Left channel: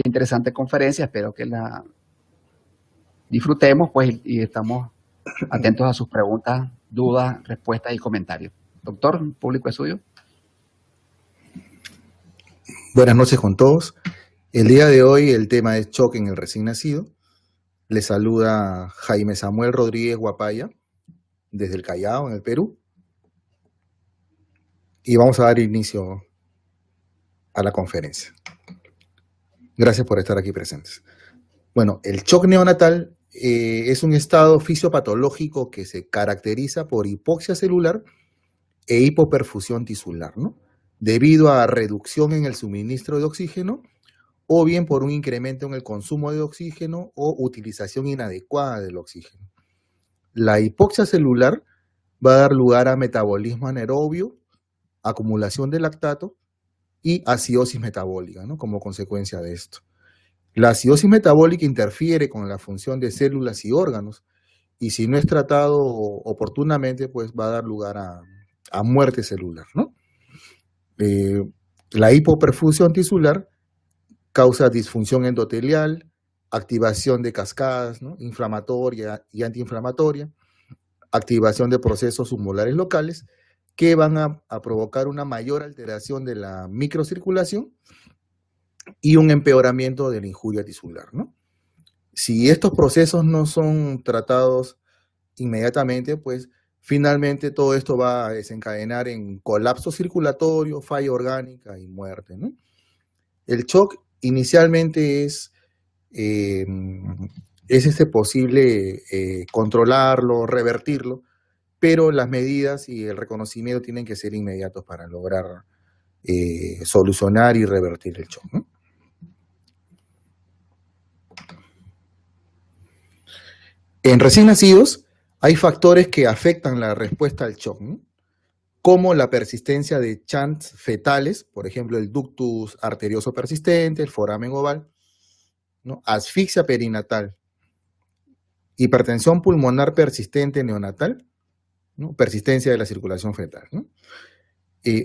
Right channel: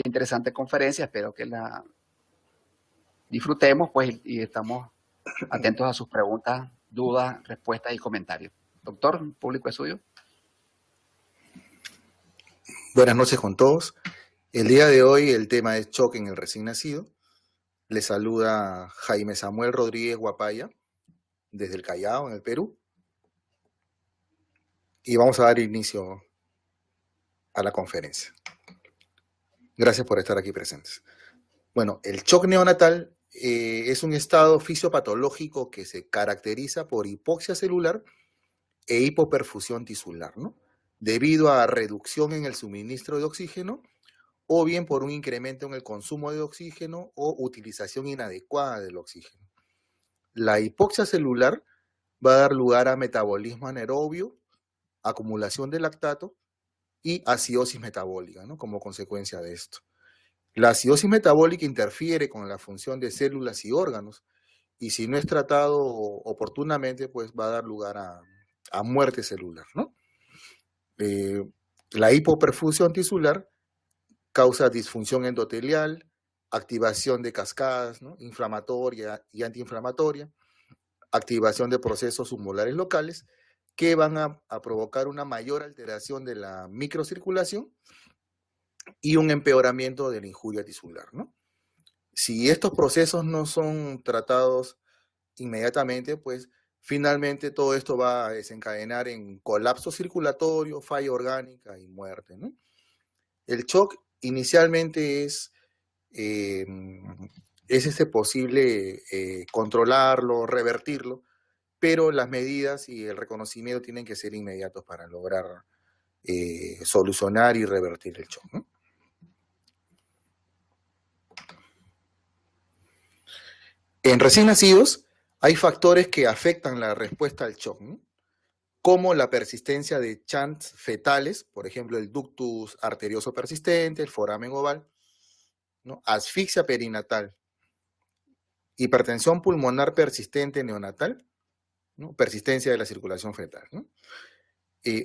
qué interesante conferencia, espero que la disfrutemos, pues, y estamos atentos a sus preguntas, dudas, respuestas y comentarios. Doctor, el público es suyo. Buenas noches con todos. El día de hoy el tema es shock en el recién nacido. Les saluda Jaime Samuel Rodríguez Guapaya, desde el Callao, en el Perú. Y vamos a dar inicio a la conferencia. Gracias por estar aquí presentes. Bueno, el shock neonatal es un estado fisiopatológico que se caracteriza por hipoxia celular e hipoperfusión tisular, ¿no? Debido a reducción en el suministro de oxígeno o bien por un incremento en el consumo de oxígeno o utilización inadecuada del oxígeno. La hipoxia celular va a dar lugar a metabolismo anaerobio, acumulación de lactato y acidosis metabólica, ¿no? Como consecuencia de esto. La acidosis metabólica interfiere con la función de células y órganos y si no es tratado oportunamente, pues va a dar lugar a muerte celular, ¿no? La hipoperfusión tisular causa disfunción endotelial, activación de cascadas, ¿no? Inflamatoria y antiinflamatoria, activación de procesos submolares locales que van a provocar una mayor alteración de la microcirculación y un empeoramiento de la injuria tisular, ¿no? Si estos procesos no son tratados inmediatamente, pues finalmente todo esto va a desencadenar en colapso circulatorio, falla orgánica y muerte, ¿no? El shock inicialmente es posible controlarlo, revertirlo, pero las medidas y el reconocimiento tienen que ser inmediatos para lograr solucionar y revertir el shock, ¿no? En recién nacidos hay factores que afectan la respuesta al shock, ¿no? Como la persistencia de chants fetales, por ejemplo, el ductus arterioso persistente, el foramen oval, ¿no? Asfixia perinatal, hipertensión pulmonar persistente neonatal, ¿no? Persistencia de la circulación fetal, ¿no?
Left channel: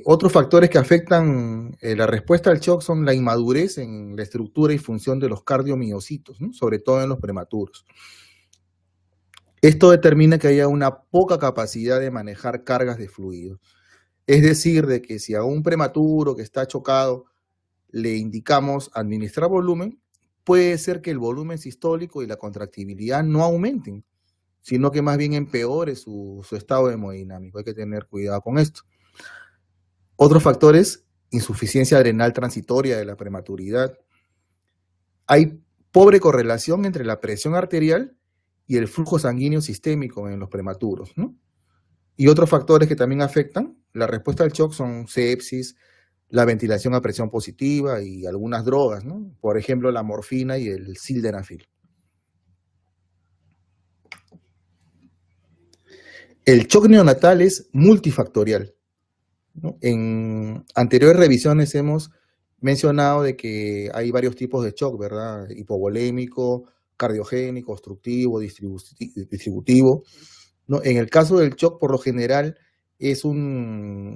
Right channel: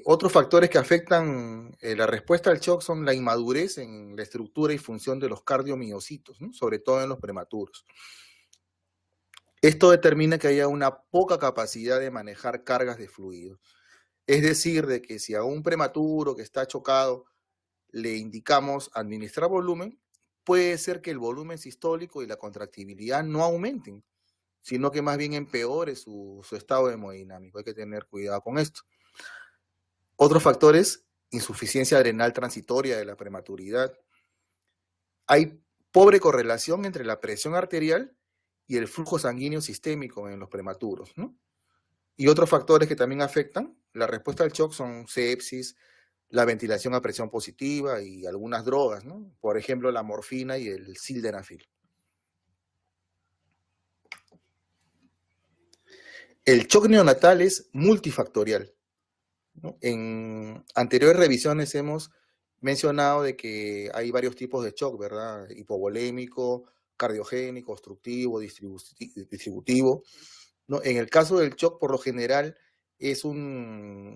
Otros factores que afectan la respuesta al shock son la inmadurez en la estructura y función de los cardiomiocitos, ¿no? Sobre todo en los prematuros. Esto determina que haya una poca capacidad de manejar cargas de fluido. Es decir, de que si a un prematuro que está chocado le indicamos administrar volumen, puede ser que el volumen sistólico y la contractibilidad no aumenten, sino que más bien empeore su estado hemodinámico. Hay que tener cuidado con esto. Otros factores, insuficiencia adrenal transitoria de la prematuridad. Hay pobre correlación entre la presión arterial y el flujo sanguíneo sistémico en los prematuros, ¿no? Y otros factores que también afectan la respuesta al shock son sepsis, la ventilación a presión positiva y algunas drogas, ¿no? Por ejemplo, la morfina y el sildenafil. El shock neonatal es multifactorial, ¿no? En anteriores revisiones hemos mencionado de que hay varios tipos de shock, ¿verdad? Hipovolémico, cardiogénico, obstructivo, distributivo, ¿no? En el caso del shock, por lo general, es una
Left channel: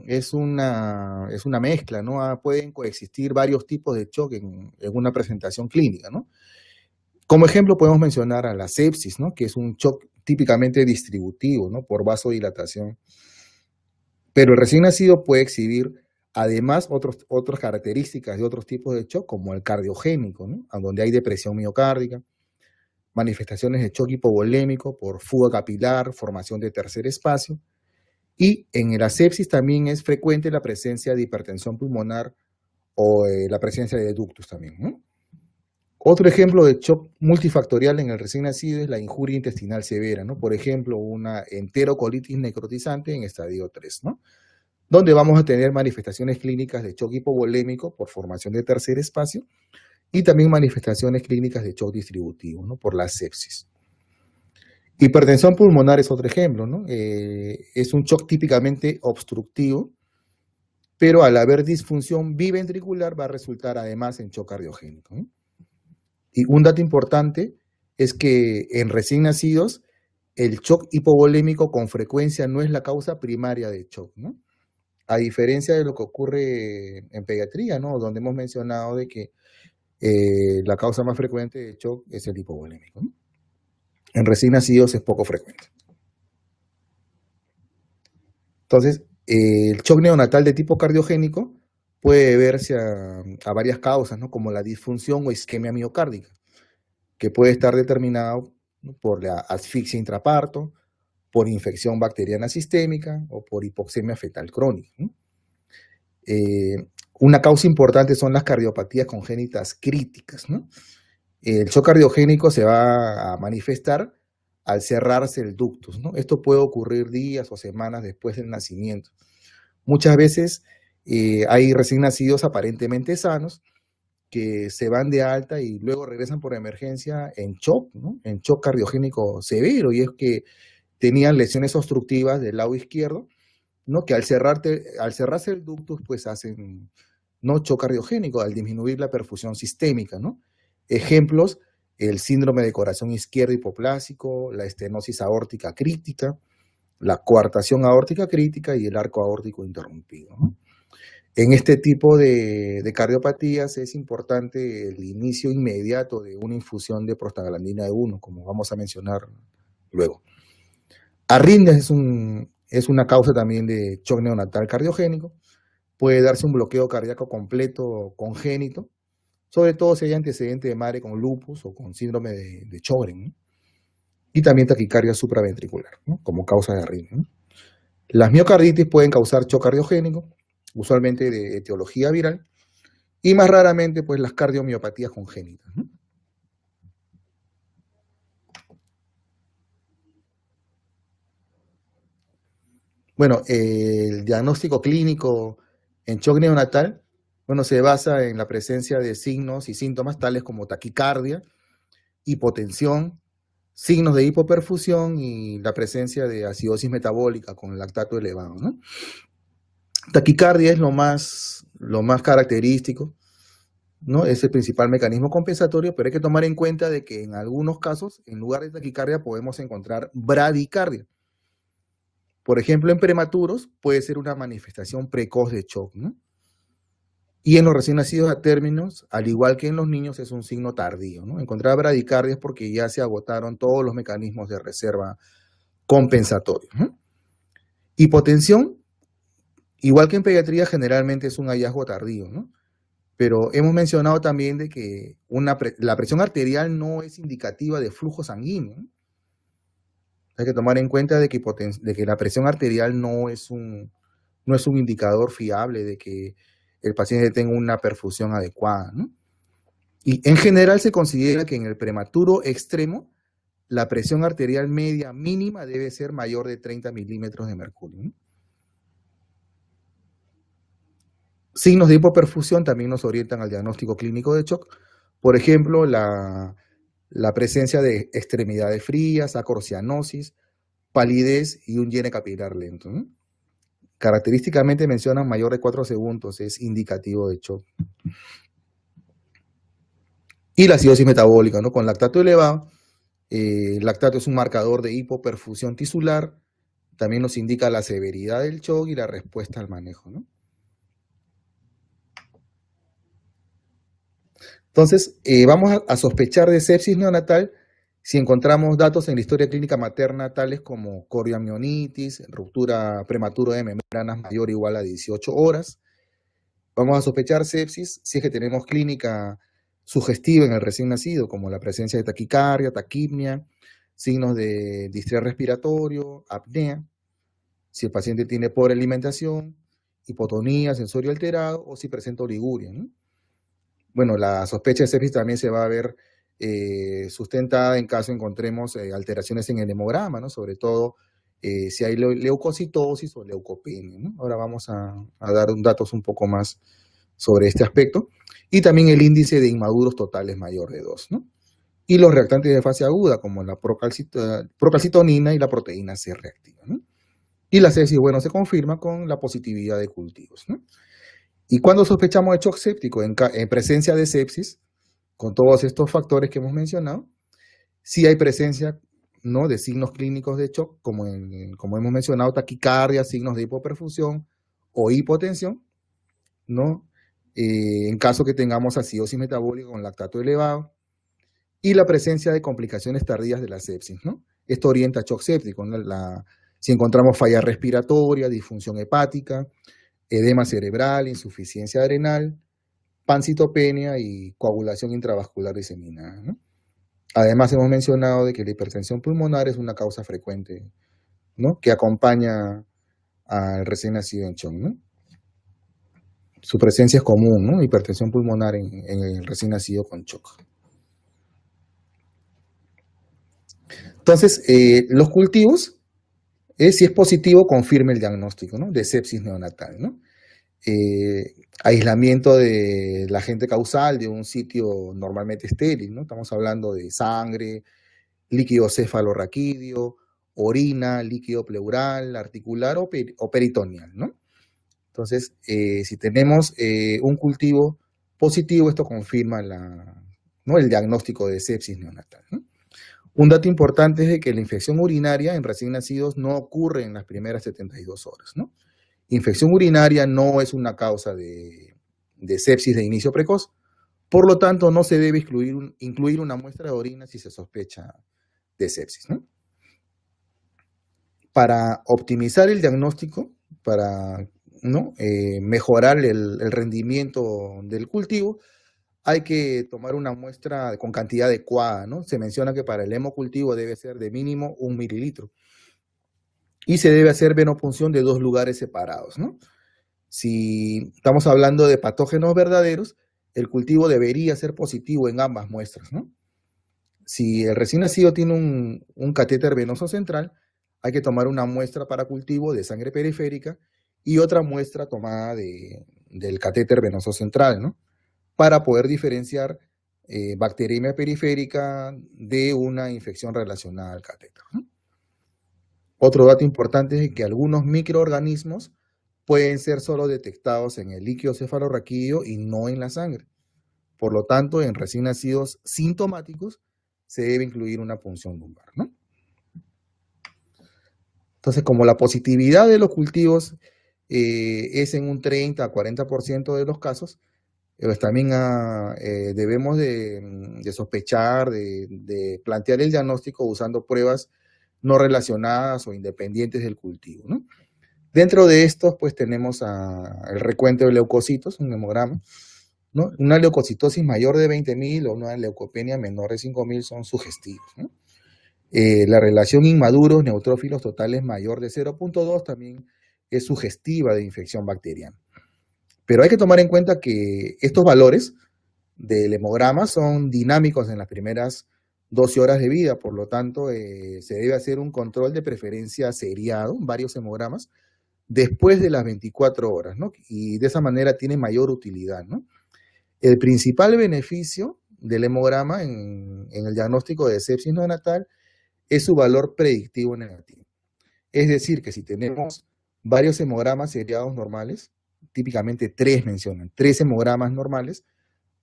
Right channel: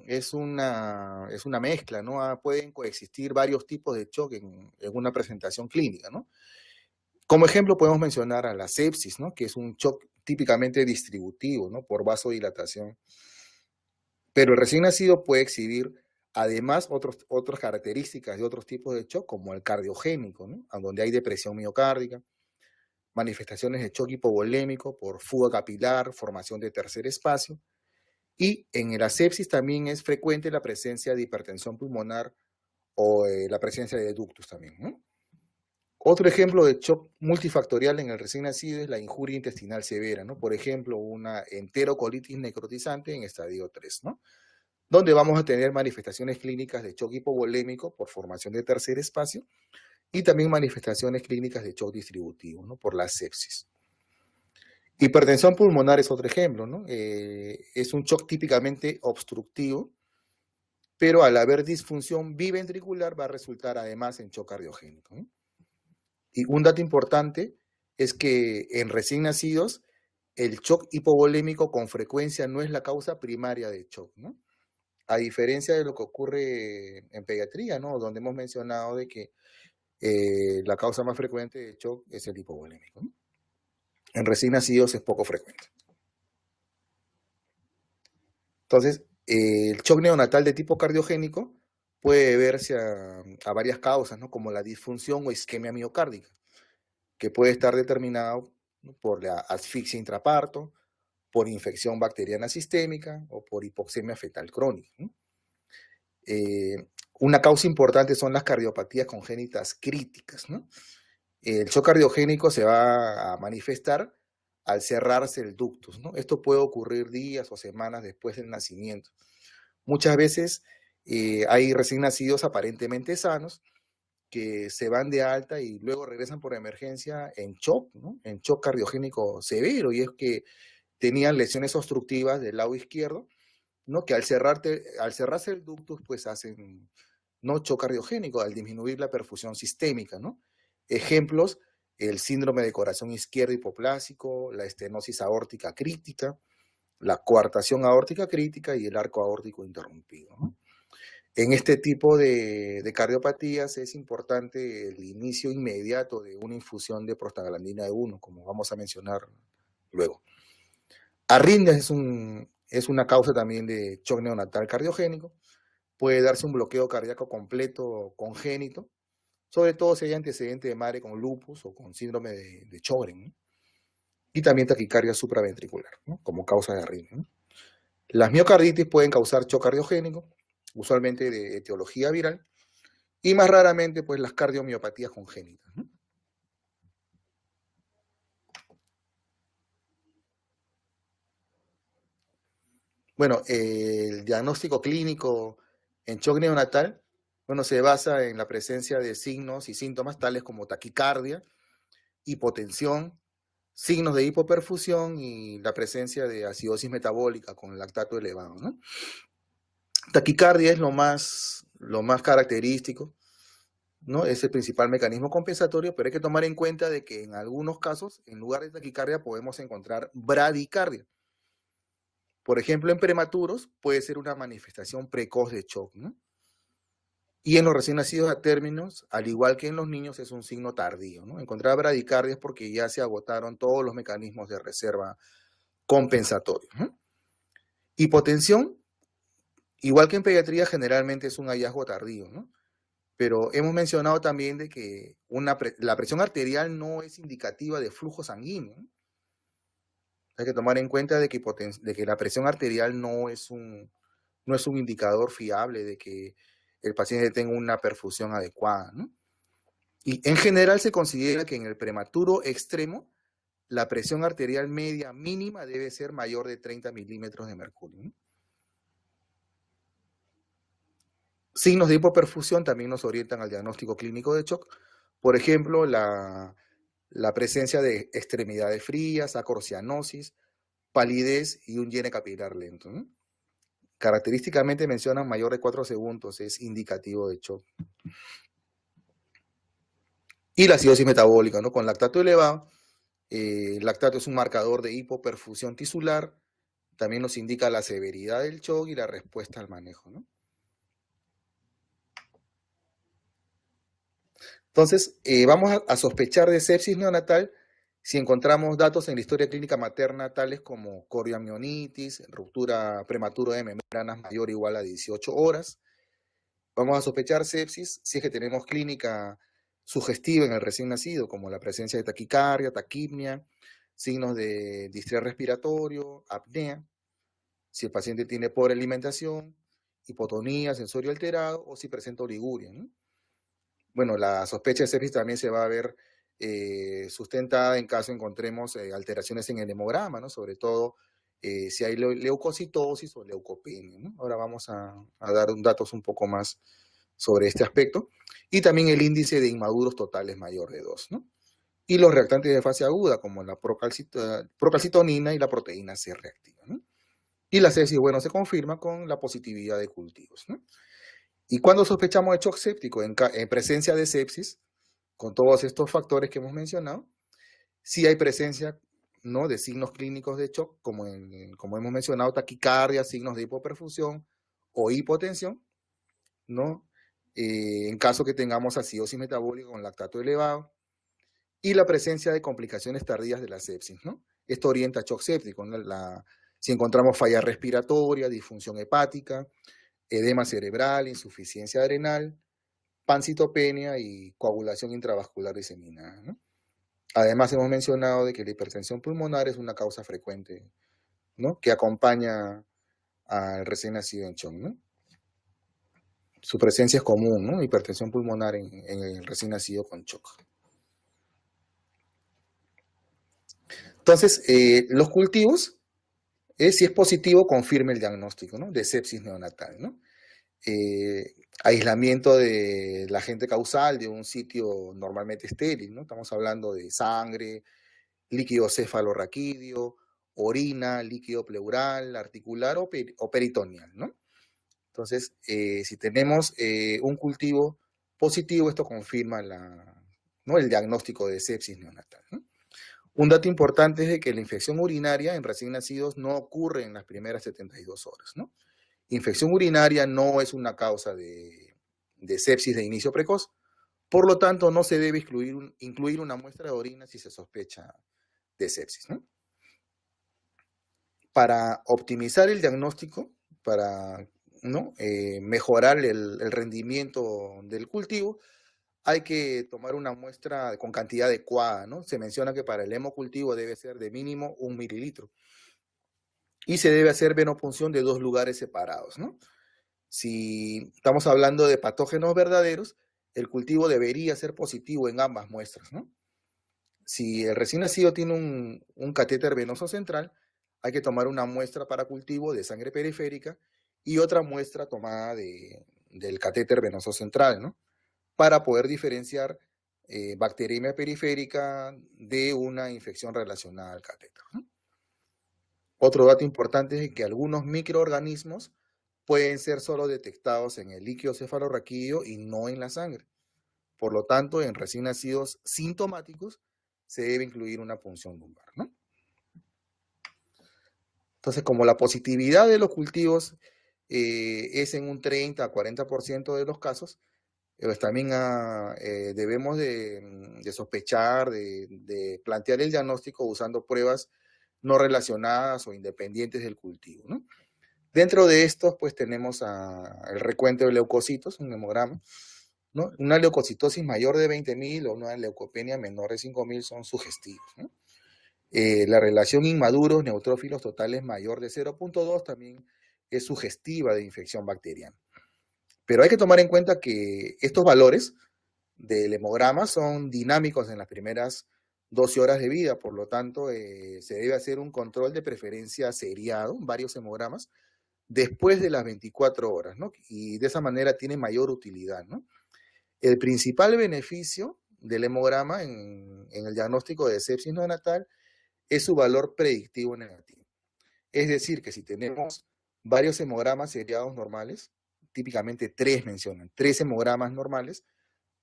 mezcla, ¿no? Pueden coexistir varios tipos de shock en una presentación clínica, ¿no? Como ejemplo podemos mencionar a la sepsis, ¿no? Que es un shock típicamente distributivo, ¿no? Por vasodilatación. Pero el recién nacido puede exhibir además otras características de otros tipos de shock, como el cardiogénico, ¿no? Donde hay depresión miocárdica, manifestaciones de shock hipovolémico por fuga capilar, formación de tercer espacio, y en la sepsis también es frecuente la presencia de hipertensión pulmonar o la presencia de ductus también, ¿no? Otro ejemplo de shock multifactorial en el recién nacido es la injuria intestinal severa, ¿no? Por ejemplo, una enterocolitis necrotizante en estadio 3, ¿no? Donde vamos a tener manifestaciones clínicas de shock hipovolémico por formación de tercer espacio y también manifestaciones clínicas de shock distributivo, ¿no? Por la sepsis. Hipertensión pulmonar es otro ejemplo, ¿no? Es un shock típicamente obstructivo, pero al haber disfunción biventricular va a resultar además en shock cardiogénico, ¿no? Y un dato importante es que en recién nacidos el shock hipovolémico con frecuencia no es la causa primaria de shock, ¿no? A diferencia de lo que ocurre en pediatría, ¿no? Donde hemos mencionado de que la causa más frecuente de shock es el hipovolémico, ¿no? En recién nacidos es poco frecuente. Entonces, el shock neonatal de tipo cardiogénico puede deberse a varias causas, ¿no? Como la disfunción o isquemia miocárdica, que puede estar determinado, ¿no?, por la asfixia intraparto, por infección bacteriana sistémica o por hipoxemia fetal crónica, ¿no? Una causa importante son las cardiopatías congénitas críticas, ¿no? El shock cardiogénico se va a manifestar al cerrarse el ductus, ¿no? Esto puede ocurrir días o semanas después del nacimiento. Muchas veces hay recién nacidos aparentemente sanos que se van de alta y luego regresan por emergencia en shock, ¿no? En shock cardiogénico severo, y es que tenían lesiones obstructivas del lado izquierdo, ¿no? Que al cerrarse el ductus, pues hacen, ¿no?, shock cardiogénico, al disminuir la perfusión sistémica, ¿no? Ejemplos: el síndrome de corazón izquierdo hipoplásico, la estenosis aórtica crítica, la coartación aórtica crítica y el arco aórtico interrumpido, ¿no? En este tipo de cardiopatías es importante el inicio inmediato de una infusión de prostaglandina E1, como vamos a mencionar luego. Arritmias es una causa también de shock neonatal cardiogénico. Puede darse un bloqueo cardíaco completo congénito, sobre todo si hay antecedente de madre con lupus o con síndrome de Sjögren, ¿no? Y también taquicardia supraventricular, ¿no?, como causa de arritmia, ¿no? Las miocarditis pueden causar shock cardiogénico, usualmente de etiología viral, y más raramente, pues, las cardiomiopatías congénitas, ¿no? Bueno, el diagnóstico clínico en shock neonatal, bueno, se basa en la presencia de signos y síntomas tales como taquicardia, hipotensión, signos de hipoperfusión y la presencia de acidosis metabólica con lactato elevado, ¿no? Taquicardia es lo más característico, ¿no? Es el principal mecanismo compensatorio, pero hay que tomar en cuenta de que en algunos casos, en lugar de taquicardia, podemos encontrar bradicardia. Por ejemplo, en prematuros puede ser una manifestación precoz de shock, ¿no? Y en los recién nacidos a términos, al igual que en los niños, es un signo tardío, ¿no? Encontrar bradicardia es porque ya se agotaron todos los mecanismos de reserva compensatorios, ¿no? Hipotensión, igual que en pediatría, generalmente es un hallazgo tardío, ¿no? Pero hemos mencionado también de que la presión arterial no es indicativa de flujo sanguíneo, ¿no? Hay que tomar en cuenta de que la presión arterial no es un indicador fiable de que el paciente tenga una perfusión adecuada, ¿no? Y en general se considera que en el prematuro extremo la presión arterial media mínima debe ser mayor de 30 milímetros de mercurio, ¿no? Signos de hipoperfusión también nos orientan al diagnóstico clínico de shock. Por ejemplo, la presencia de extremidades frías, acorcianosis, palidez y un llene capilar lento, ¿no? Característicamente mencionan mayor de 4 segundos, es indicativo de shock. Y la acidosis metabólica, ¿no? Con lactato elevado. El lactato es un marcador de hipoperfusión tisular. También nos indica la severidad del shock y la respuesta al manejo, ¿no? Entonces, vamos a sospechar de sepsis neonatal si encontramos datos en la historia clínica materna tales como corioamionitis, ruptura prematura de membranas mayor o igual a 18 horas. Vamos a sospechar sepsis si es que tenemos clínica sugestiva en el recién nacido, como la presencia de taquicardia, taquipnia, signos de distrés respiratorio, apnea, si el paciente tiene pobre alimentación, hipotonía, sensorio alterado, o si presenta oliguria, ¿no? Bueno, la sospecha de sepsis también se va a ver sustentada en caso encontremos alteraciones en el hemograma, ¿no? Sobre todo si hay leucocitosis o leucopenia, ¿no? Ahora vamos a dar datos un poco más sobre este aspecto. Y también el índice de inmaduros totales mayor de 2, ¿no? Y los reactantes de fase aguda, como la procalcitonina y la proteína C reactiva, ¿no? Y la sepsis, bueno, se confirma con la positividad de cultivos, ¿no? ¿Y cuando sospechamos de shock séptico? En presencia de sepsis, con todos estos factores que hemos mencionado, sí hay presencia, ¿no?, de signos clínicos de shock, como hemos mencionado, taquicardia, signos de hipoperfusión o hipotensión, ¿no? en caso que tengamos acidosis metabólica con lactato elevado, y la presencia de complicaciones tardías de la sepsis, ¿no? Esto orienta a shock séptico, ¿no? Si encontramos falla respiratoria, disfunción hepática, edema cerebral, insuficiencia adrenal, pancitopenia y coagulación intravascular diseminada, ¿no? Además, hemos mencionado de que la hipertensión pulmonar es una causa frecuente, ¿no?, que acompaña al recién nacido en shock, ¿no? Su presencia es común, ¿no? Hipertensión pulmonar en el recién nacido con shock. Entonces, los cultivos, si es positivo, confirma el diagnóstico, ¿no?, de sepsis neonatal, ¿no? Aislamiento del agente causal de un sitio normalmente estéril, ¿no? Estamos hablando de sangre, líquido cefalorraquídeo, orina, líquido pleural, articular o peritoneal, ¿no? Entonces, si tenemos un cultivo positivo, esto confirma ¿no?, el diagnóstico de sepsis neonatal, ¿no? Un dato importante es de que la infección urinaria en recién nacidos no ocurre en las primeras 72 horas, ¿no? Infección urinaria no es una causa de sepsis de inicio precoz, por lo tanto no se debe incluir una muestra de orina si se sospecha de sepsis, ¿no? Para optimizar el diagnóstico, para, ¿no?, mejorar el rendimiento del cultivo, hay que tomar una muestra con cantidad adecuada, ¿no? Se menciona que para el hemocultivo debe ser de mínimo 1 mililitro. Y se debe hacer venopunción de 2 lugares separados, ¿no? Si estamos hablando de patógenos verdaderos, el cultivo debería ser positivo en ambas muestras, ¿no? Si el recién nacido tiene un catéter venoso central, hay que tomar una muestra para cultivo de sangre periférica y otra muestra tomada del catéter venoso central, ¿no?, para poder diferenciar bacteriemia periférica de una infección relacionada al catéter, ¿no? Otro dato importante es que algunos microorganismos pueden ser solo detectados en el líquido cefalorraquídeo y no en la sangre. Por lo tanto, en recién nacidos sintomáticos se debe incluir una punción lumbar, ¿no? Entonces, como la positividad de los cultivos es en un 30 a 40% de los casos, pues también debemos de sospechar, de plantear el diagnóstico usando pruebas no relacionadas o independientes del cultivo, ¿no? Dentro de estos, pues tenemos el recuento de leucocitos, un hemograma, ¿no? Una leucocitosis mayor de 20.000 o una leucopenia menor de 5.000 son sugestivos, ¿no? La relación inmaduros neutrófilos totales mayor de 0.2 también es sugestiva de infección bacteriana. Pero hay que tomar en cuenta que estos valores del hemograma son dinámicos en las primeras 12 horas de vida, por lo tanto, se debe hacer un control de preferencia seriado, varios hemogramas, después de las 24 horas, ¿no? Y de esa manera tiene mayor utilidad, ¿no? El principal beneficio del hemograma en el diagnóstico de sepsis neonatal es su valor predictivo negativo. Es decir, que si tenemos varios hemogramas seriados normales, típicamente 3 mencionan, 3 hemogramas normales,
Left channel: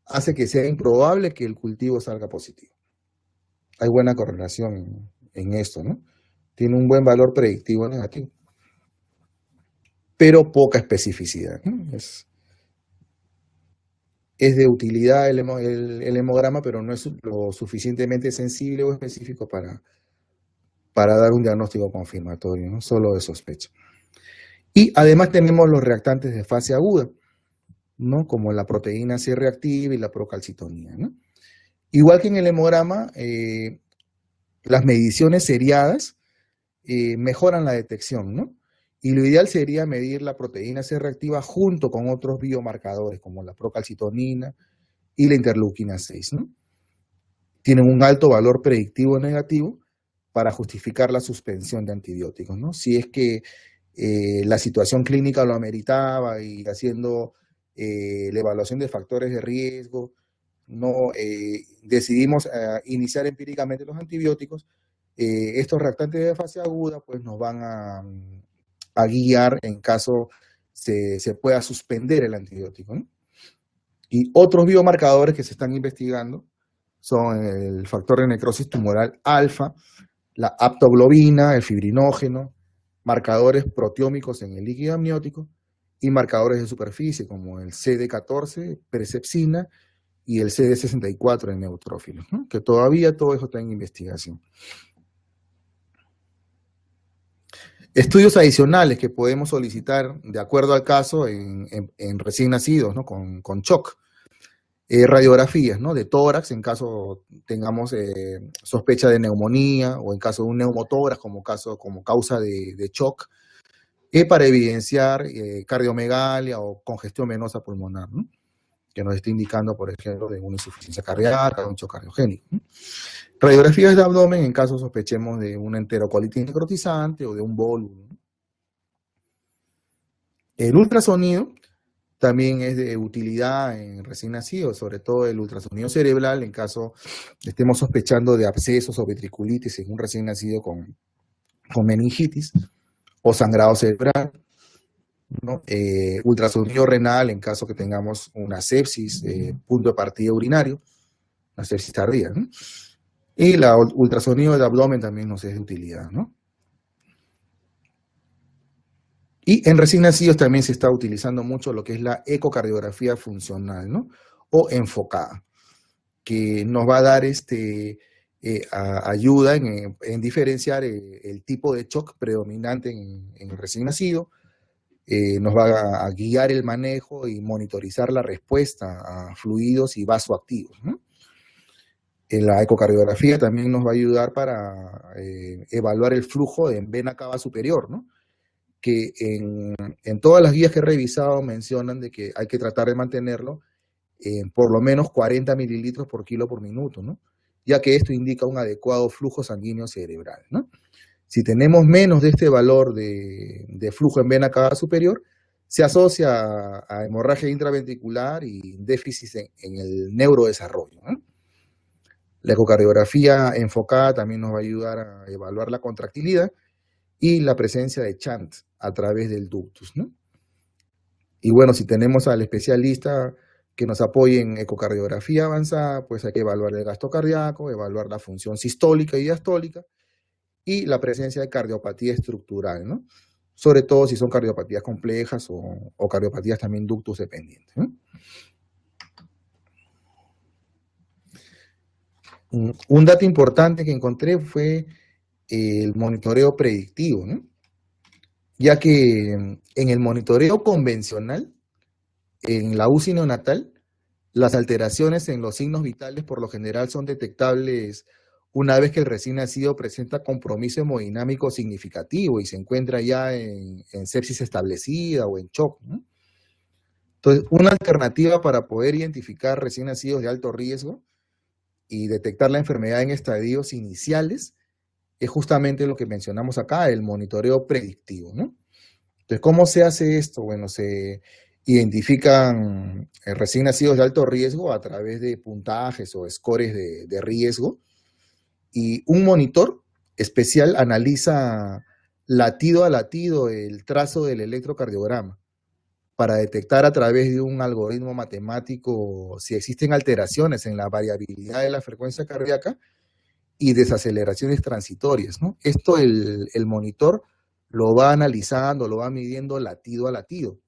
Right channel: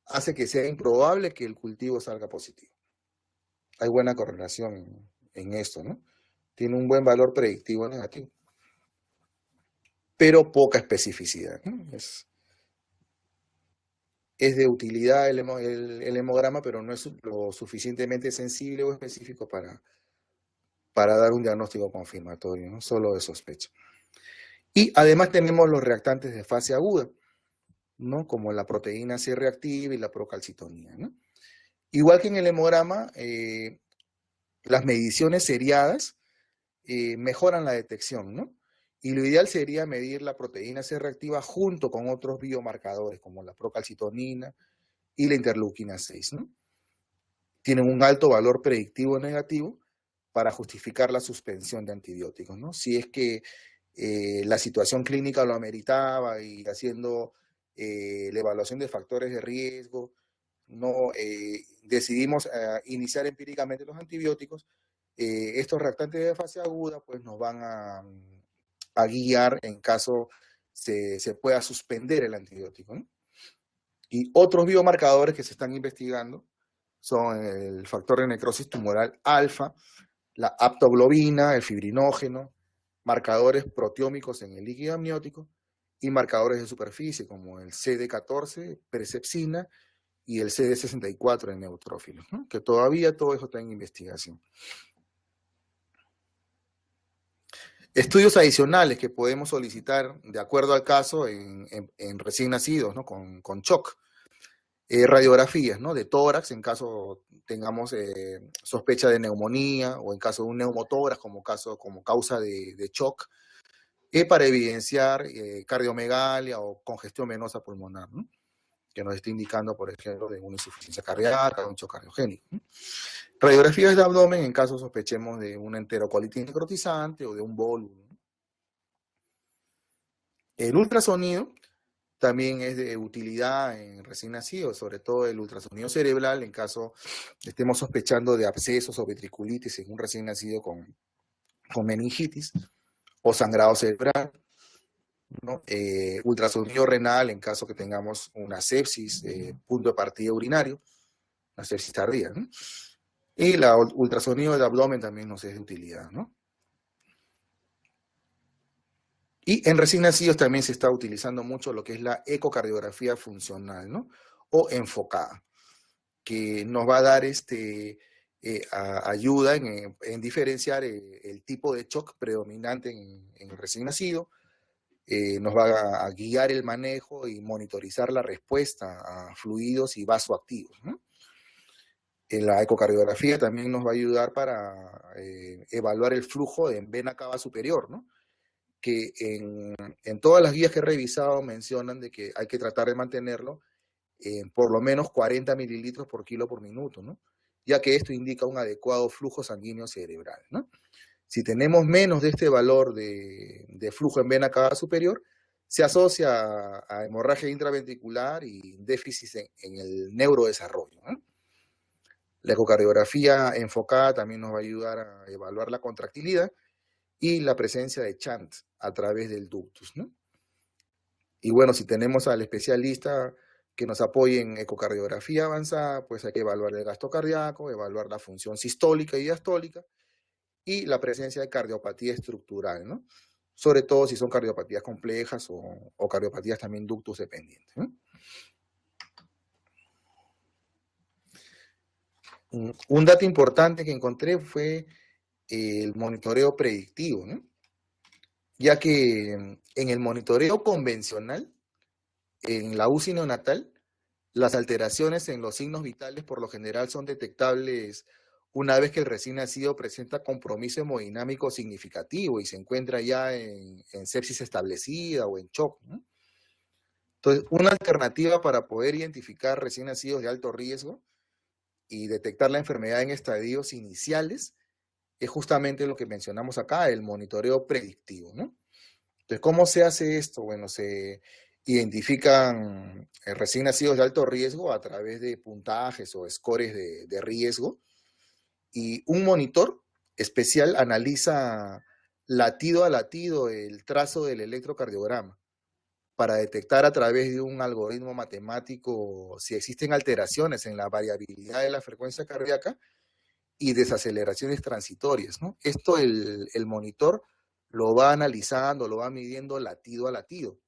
hace que sea improbable que el cultivo salga positivo. Hay buena correlación en esto, ¿no? Tiene un buen valor predictivo negativo, pero poca especificidad, ¿no? Es de utilidad el hemograma, pero no es lo suficientemente sensible o específico para dar un diagnóstico confirmatorio, ¿no? Solo de sospecha. Y además tenemos los reactantes de fase aguda, ¿no?, como la proteína C reactiva y la procalcitonía, ¿no? Igual que en el hemograma, las mediciones seriadas mejoran la detección, ¿no? Y lo ideal sería medir la proteína C reactiva junto con otros biomarcadores, como la procalcitonina y la interleuquina 6, ¿no? Tienen un alto valor predictivo negativo para justificar la suspensión de antibióticos, ¿no? Si es que la situación clínica lo ameritaba y haciendo la evaluación de factores de riesgo, no decidimos iniciar empíricamente los antibióticos, estos reactantes de fase aguda pues nos van a guiar en caso se pueda suspender el antibiótico, ¿no? Y otros biomarcadores que se están investigando son el factor de necrosis tumoral alfa, la aptoglobina, el fibrinógeno, marcadores proteómicos en el líquido amniótico y marcadores de superficie como el CD14, presepsina, y el CD64 en neutrófilos, ¿no? Que todavía todo eso está en investigación. Estudios adicionales que podemos solicitar de acuerdo al caso en recién nacidos, ¿no? Con shock. Radiografías, ¿no? De tórax en caso tengamos sospecha de neumonía o en caso de un neumotórax como causa de shock, para evidenciar cardiomegalia o congestión venosa pulmonar, ¿no? Que nos esté indicando, por ejemplo, de una insuficiencia cardíaca o un shock cardiogénico, ¿no? Radiografías de abdomen en caso sospechemos de una enterocolitis necrotizante o de un bolo, ¿no? El ultrasonido también es de utilidad en recién nacidos, sobre todo el ultrasonido cerebral en caso estemos sospechando de abscesos o ventriculitis en un recién nacido con meningitis o sangrado cerebral, ¿no? Ultrasonido renal en caso que tengamos una sepsis, punto de partida urinario, una sepsis tardía, ¿no? Y la ultrasonido de abdomen también nos es de utilidad, ¿no? Y en recién nacidos también se está utilizando mucho lo que es la ecocardiografía funcional, ¿no? O enfocada, que nos va a dar ayuda en diferenciar el tipo de shock predominante en el recién nacido, nos va a guiar el manejo y monitorizar la respuesta a fluidos y vasoactivos, ¿no? La ecocardiografía también nos va a ayudar para evaluar el flujo en vena cava superior, ¿no? Que en todas las guías que he revisado mencionan de que hay que tratar de mantenerlo en por lo menos 40 mililitros por kilo por minuto, ¿no? Ya que esto indica un adecuado flujo sanguíneo cerebral, ¿no? Si tenemos menos de este valor de flujo en vena cava superior, se asocia a hemorragia intraventricular y déficit en el neurodesarrollo, ¿no? La ecocardiografía enfocada también nos va a ayudar a evaluar la contractilidad y la presencia de chant a través del ductus, ¿no? Y bueno, si tenemos al especialista que nos apoye en ecocardiografía avanzada, pues hay que evaluar el gasto cardíaco, evaluar la función sistólica y diastólica y la presencia de cardiopatía estructural, ¿no? Sobre todo si son cardiopatías complejas o cardiopatías también ductus dependientes, ¿no? Un dato importante que encontré fue el monitoreo predictivo, ¿no? Ya que en el monitoreo convencional, en la UCI neonatal, las alteraciones en los signos vitales por lo general son detectables una vez que el recién nacido presenta compromiso hemodinámico significativo y se encuentra ya en sepsis establecida o en shock, ¿no? Entonces, una alternativa para poder identificar recién nacidos de alto riesgo y detectar la enfermedad en estadios iniciales es justamente lo que mencionamos acá, el monitoreo predictivo, ¿no? Entonces, ¿cómo se hace esto? Bueno, se identifican recién nacidos de alto riesgo a través de puntajes o scores de riesgo, y un monitor especial analiza latido a latido el trazo del electrocardiograma para detectar a través de un algoritmo matemático si existen alteraciones en la variabilidad de la frecuencia cardíaca y desaceleraciones transitorias, ¿no? Esto el monitor lo va analizando, lo va midiendo latido a latido,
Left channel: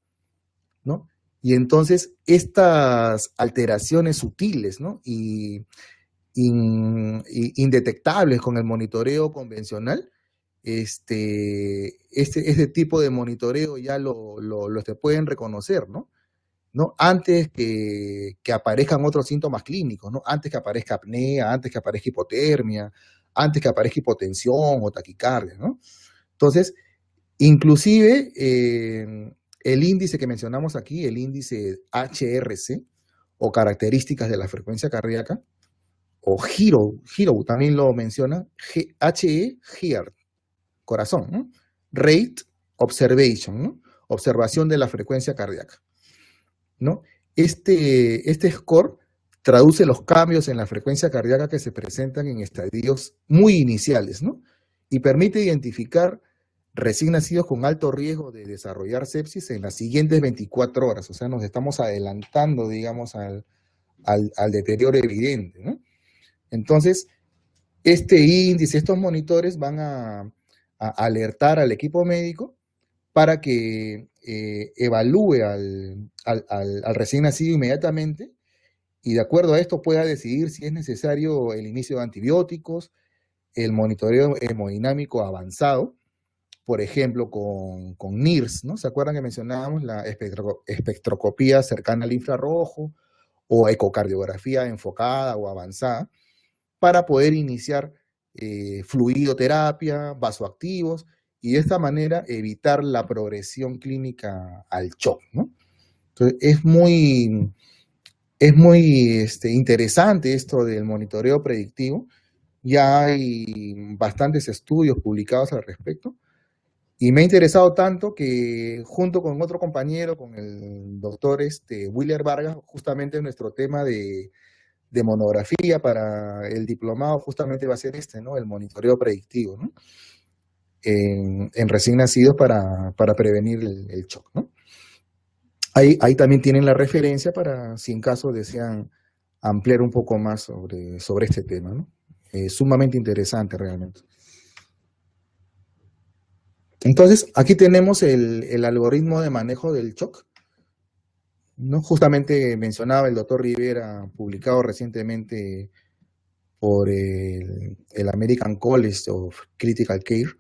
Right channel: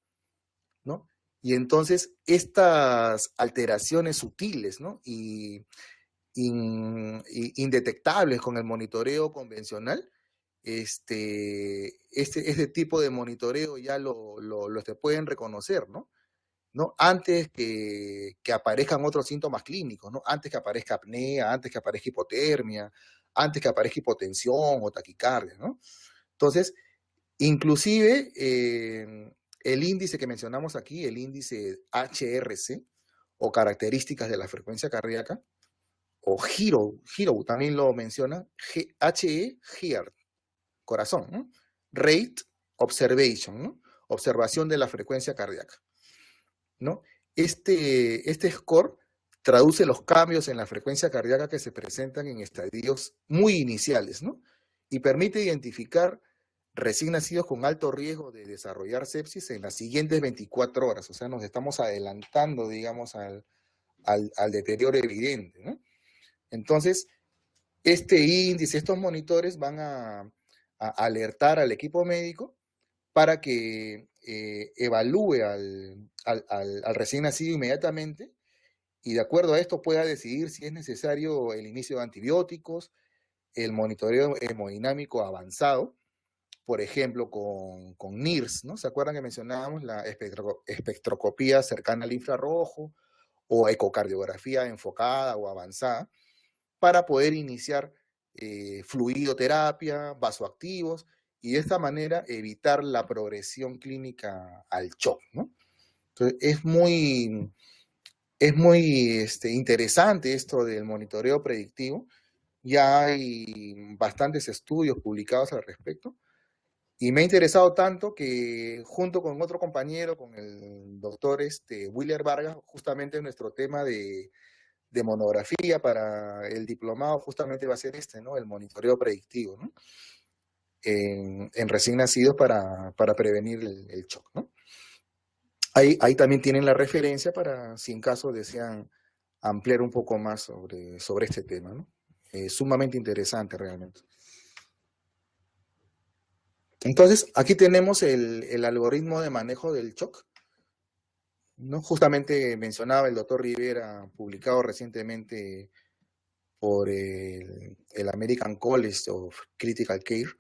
¿no? Y entonces estas alteraciones sutiles, ¿no? Y indetectables con el monitoreo convencional, este tipo de monitoreo ya lo se pueden reconocer, ¿no? ¿No? Antes que aparezcan otros síntomas clínicos, ¿no? Antes que aparezca apnea, antes que aparezca hipotermia, antes que aparezca hipotensión o taquicardia, ¿no? Entonces, inclusive el índice que mencionamos aquí, el índice HRC, o características de la frecuencia cardíaca, o HERO también lo menciona, Heart, corazón, ¿no? Rate Observation, ¿no? Observación de la frecuencia cardíaca, ¿no? Este score traduce los cambios en la frecuencia cardíaca que se presentan en estadios muy iniciales, ¿no? Y permite identificar recién nacidos con alto riesgo de desarrollar sepsis en las siguientes 24 horas. O sea, nos estamos adelantando, digamos, al deterioro evidente, ¿no? Entonces, este índice, estos monitores van a alertar al equipo médico para que evalúe al recién nacido inmediatamente y de acuerdo a esto pueda decidir si es necesario el inicio de antibióticos, el monitoreo hemodinámico avanzado, por ejemplo, con NIRS, ¿no? ¿Se acuerdan que mencionábamos la espectroscopía cercana al infrarrojo o ecocardiografía enfocada o avanzada para poder iniciar fluidoterapia, vasoactivos y de esta manera evitar la progresión clínica al shock, ¿no? Entonces, es muy interesante esto del monitoreo predictivo. Ya hay bastantes estudios publicados al respecto. Y me ha interesado tanto que junto con otro compañero, con el doctor Willer Vargas, justamente nuestro tema de monografía para el diplomado justamente va a ser ¿no? El monitoreo predictivo, ¿no? En recién nacidos para prevenir el shock, ¿no? Ahí también tienen la referencia para si en caso desean ampliar un poco más sobre este tema, ¿no? Sumamente interesante realmente. Entonces, aquí tenemos el algoritmo de manejo del shock, ¿no? Justamente mencionaba el doctor Rivera, publicado recientemente por el American College of Critical Care.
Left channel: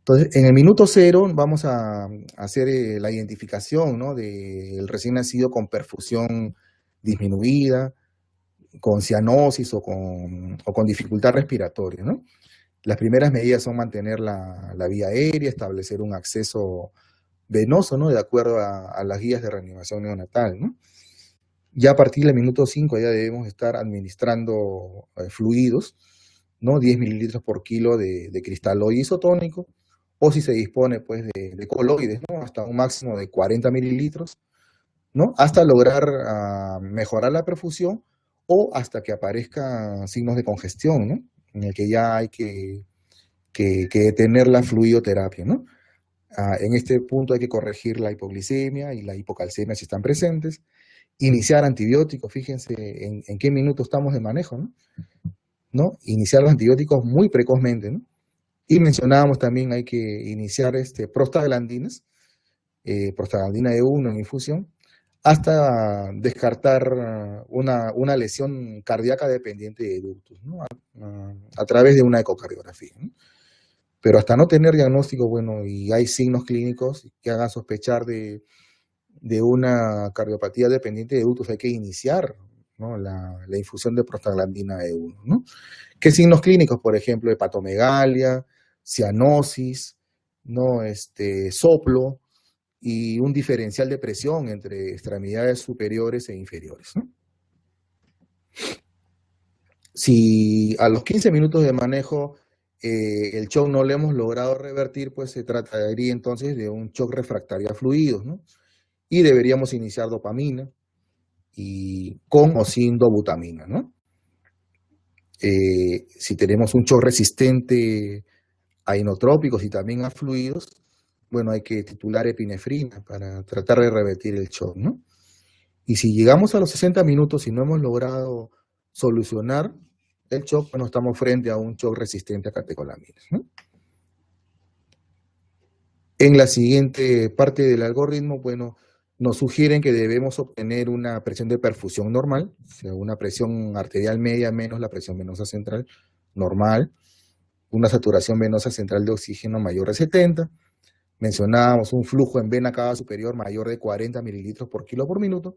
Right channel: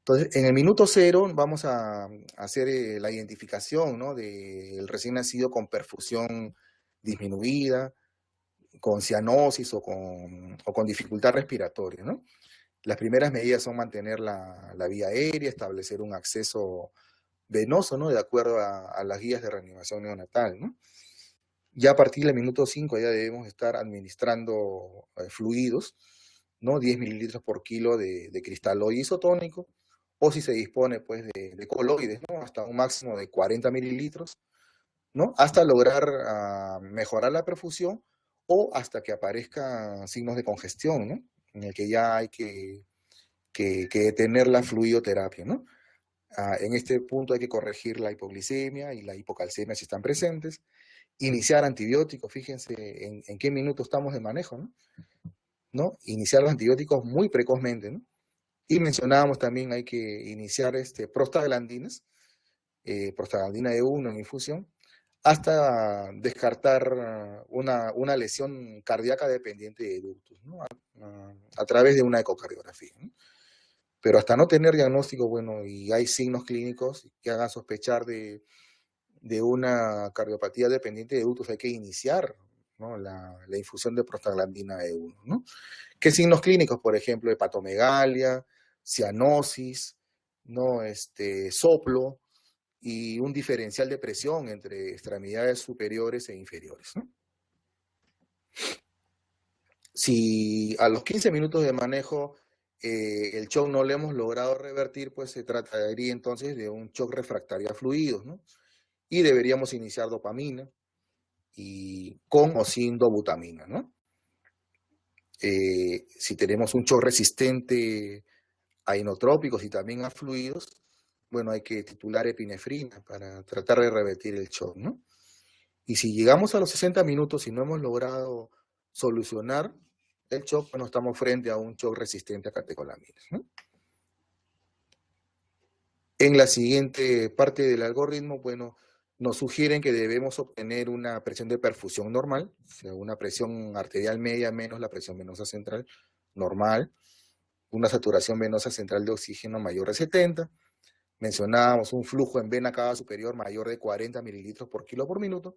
Entonces, en el minuto 0 vamos a hacer la identificación, ¿no? Del recién nacido con perfusión disminuida, con cianosis o con dificultad respiratoria, ¿no? Las primeras medidas son mantener la vía aérea, establecer un acceso venoso, ¿no? De acuerdo a las guías de reanimación neonatal, ¿no? Ya a partir del minuto 5 ya debemos estar administrando fluidos, ¿no? 10 mililitros por kilo de cristalóide isotónico, o si se dispone, pues, de coloides, ¿no? Hasta un máximo de 40 mililitros, ¿no? Hasta lograr mejorar la perfusión o hasta que aparezcan signos de congestión, ¿no? En el que ya hay que detener la fluidoterapia, ¿no? En este punto hay que corregir la hipoglicemia y la hipocalcemia si están presentes, iniciar antibióticos, fíjense en qué minuto estamos de manejo, ¿no? Iniciar los antibióticos muy precozmente, ¿no? Y mencionábamos también hay que iniciar prostaglandinas, prostaglandina E1 en infusión, hasta descartar una lesión cardíaca dependiente de ductus, ¿no? A través de una ecocardiografía, ¿no? Pero hasta no tener diagnóstico, bueno, y hay signos clínicos que hagan sospechar de una cardiopatía dependiente de ductus, hay que iniciar, ¿no? la infusión de prostaglandina E1, ¿no? ¿Qué signos clínicos? Por ejemplo, hepatomegalia, cianosis, ¿no? Soplo y un diferencial de presión entre extremidades superiores e inferiores, ¿no? Si a los 15 minutos de manejo el shock no lo hemos logrado revertir, pues se trataría entonces de un shock refractario a fluidos, ¿no? Y deberíamos iniciar dopamina y con o sin dobutamina, ¿no? Si tenemos un shock resistente a inotrópicos y también a fluidos, bueno, hay que titular epinefrina para tratar de revertir el shock, ¿no? Y si llegamos a los 60 minutos y no hemos logrado solucionar el shock, bueno, estamos frente a un shock resistente a catecolaminas, ¿no? En la siguiente parte del algoritmo, bueno, nos sugieren que debemos obtener una presión de perfusión normal, o sea, una presión arterial media menos la presión venosa central normal, una saturación venosa central de oxígeno mayor de 70, mencionábamos un flujo en vena cava superior mayor de 40 mililitros por kilo por minuto,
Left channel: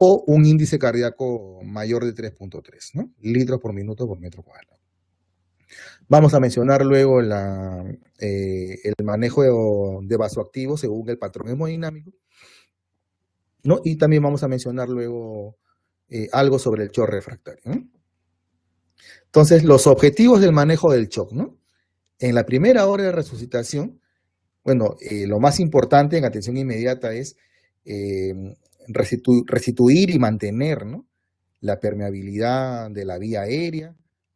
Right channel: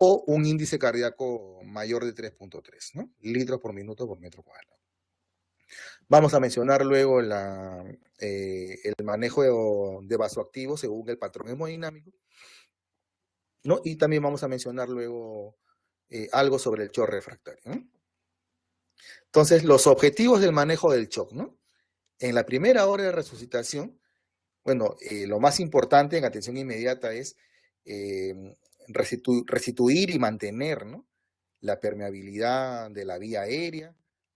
o un índice cardíaco mayor de 3.3, ¿no? Litros por minuto por metro cuadrado. Vamos a mencionar luego el manejo de vasoactivos según el patrón hemodinámico, ¿no? Y también vamos a mencionar luego algo sobre el shock refractario, ¿no? Entonces, los objetivos del manejo del shock, ¿no? En la primera hora de resucitación, bueno, lo más importante en atención inmediata es restituir y mantener, ¿no? La permeabilidad de la vía aérea,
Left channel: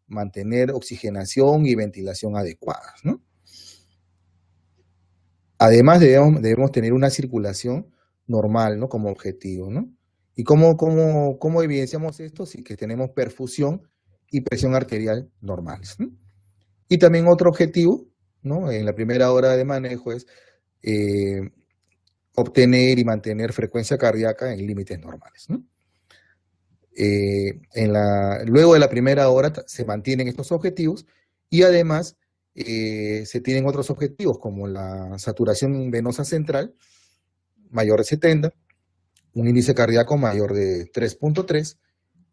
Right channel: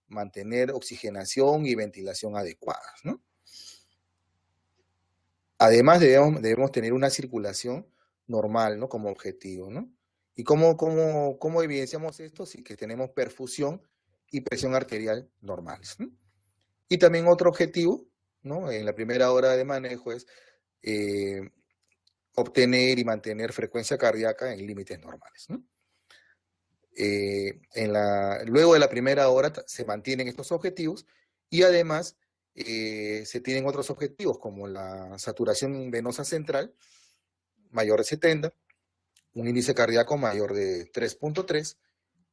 mantener oxigenación y ventilación adecuadas, ¿no? Además, debemos tener una circulación normal, ¿no? Como objetivo, ¿no? ¿Y cómo evidenciamos esto? Sí, que tenemos perfusión y presión arterial normales, ¿no? Y también otro objetivo, ¿no? En la primera hora de manejo es obtener y mantener frecuencia cardíaca en límites normales, ¿no? Luego de la primera hora se mantienen estos objetivos y además se tienen otros objetivos como la saturación venosa central mayor de 70, un índice cardíaco mayor de 3.3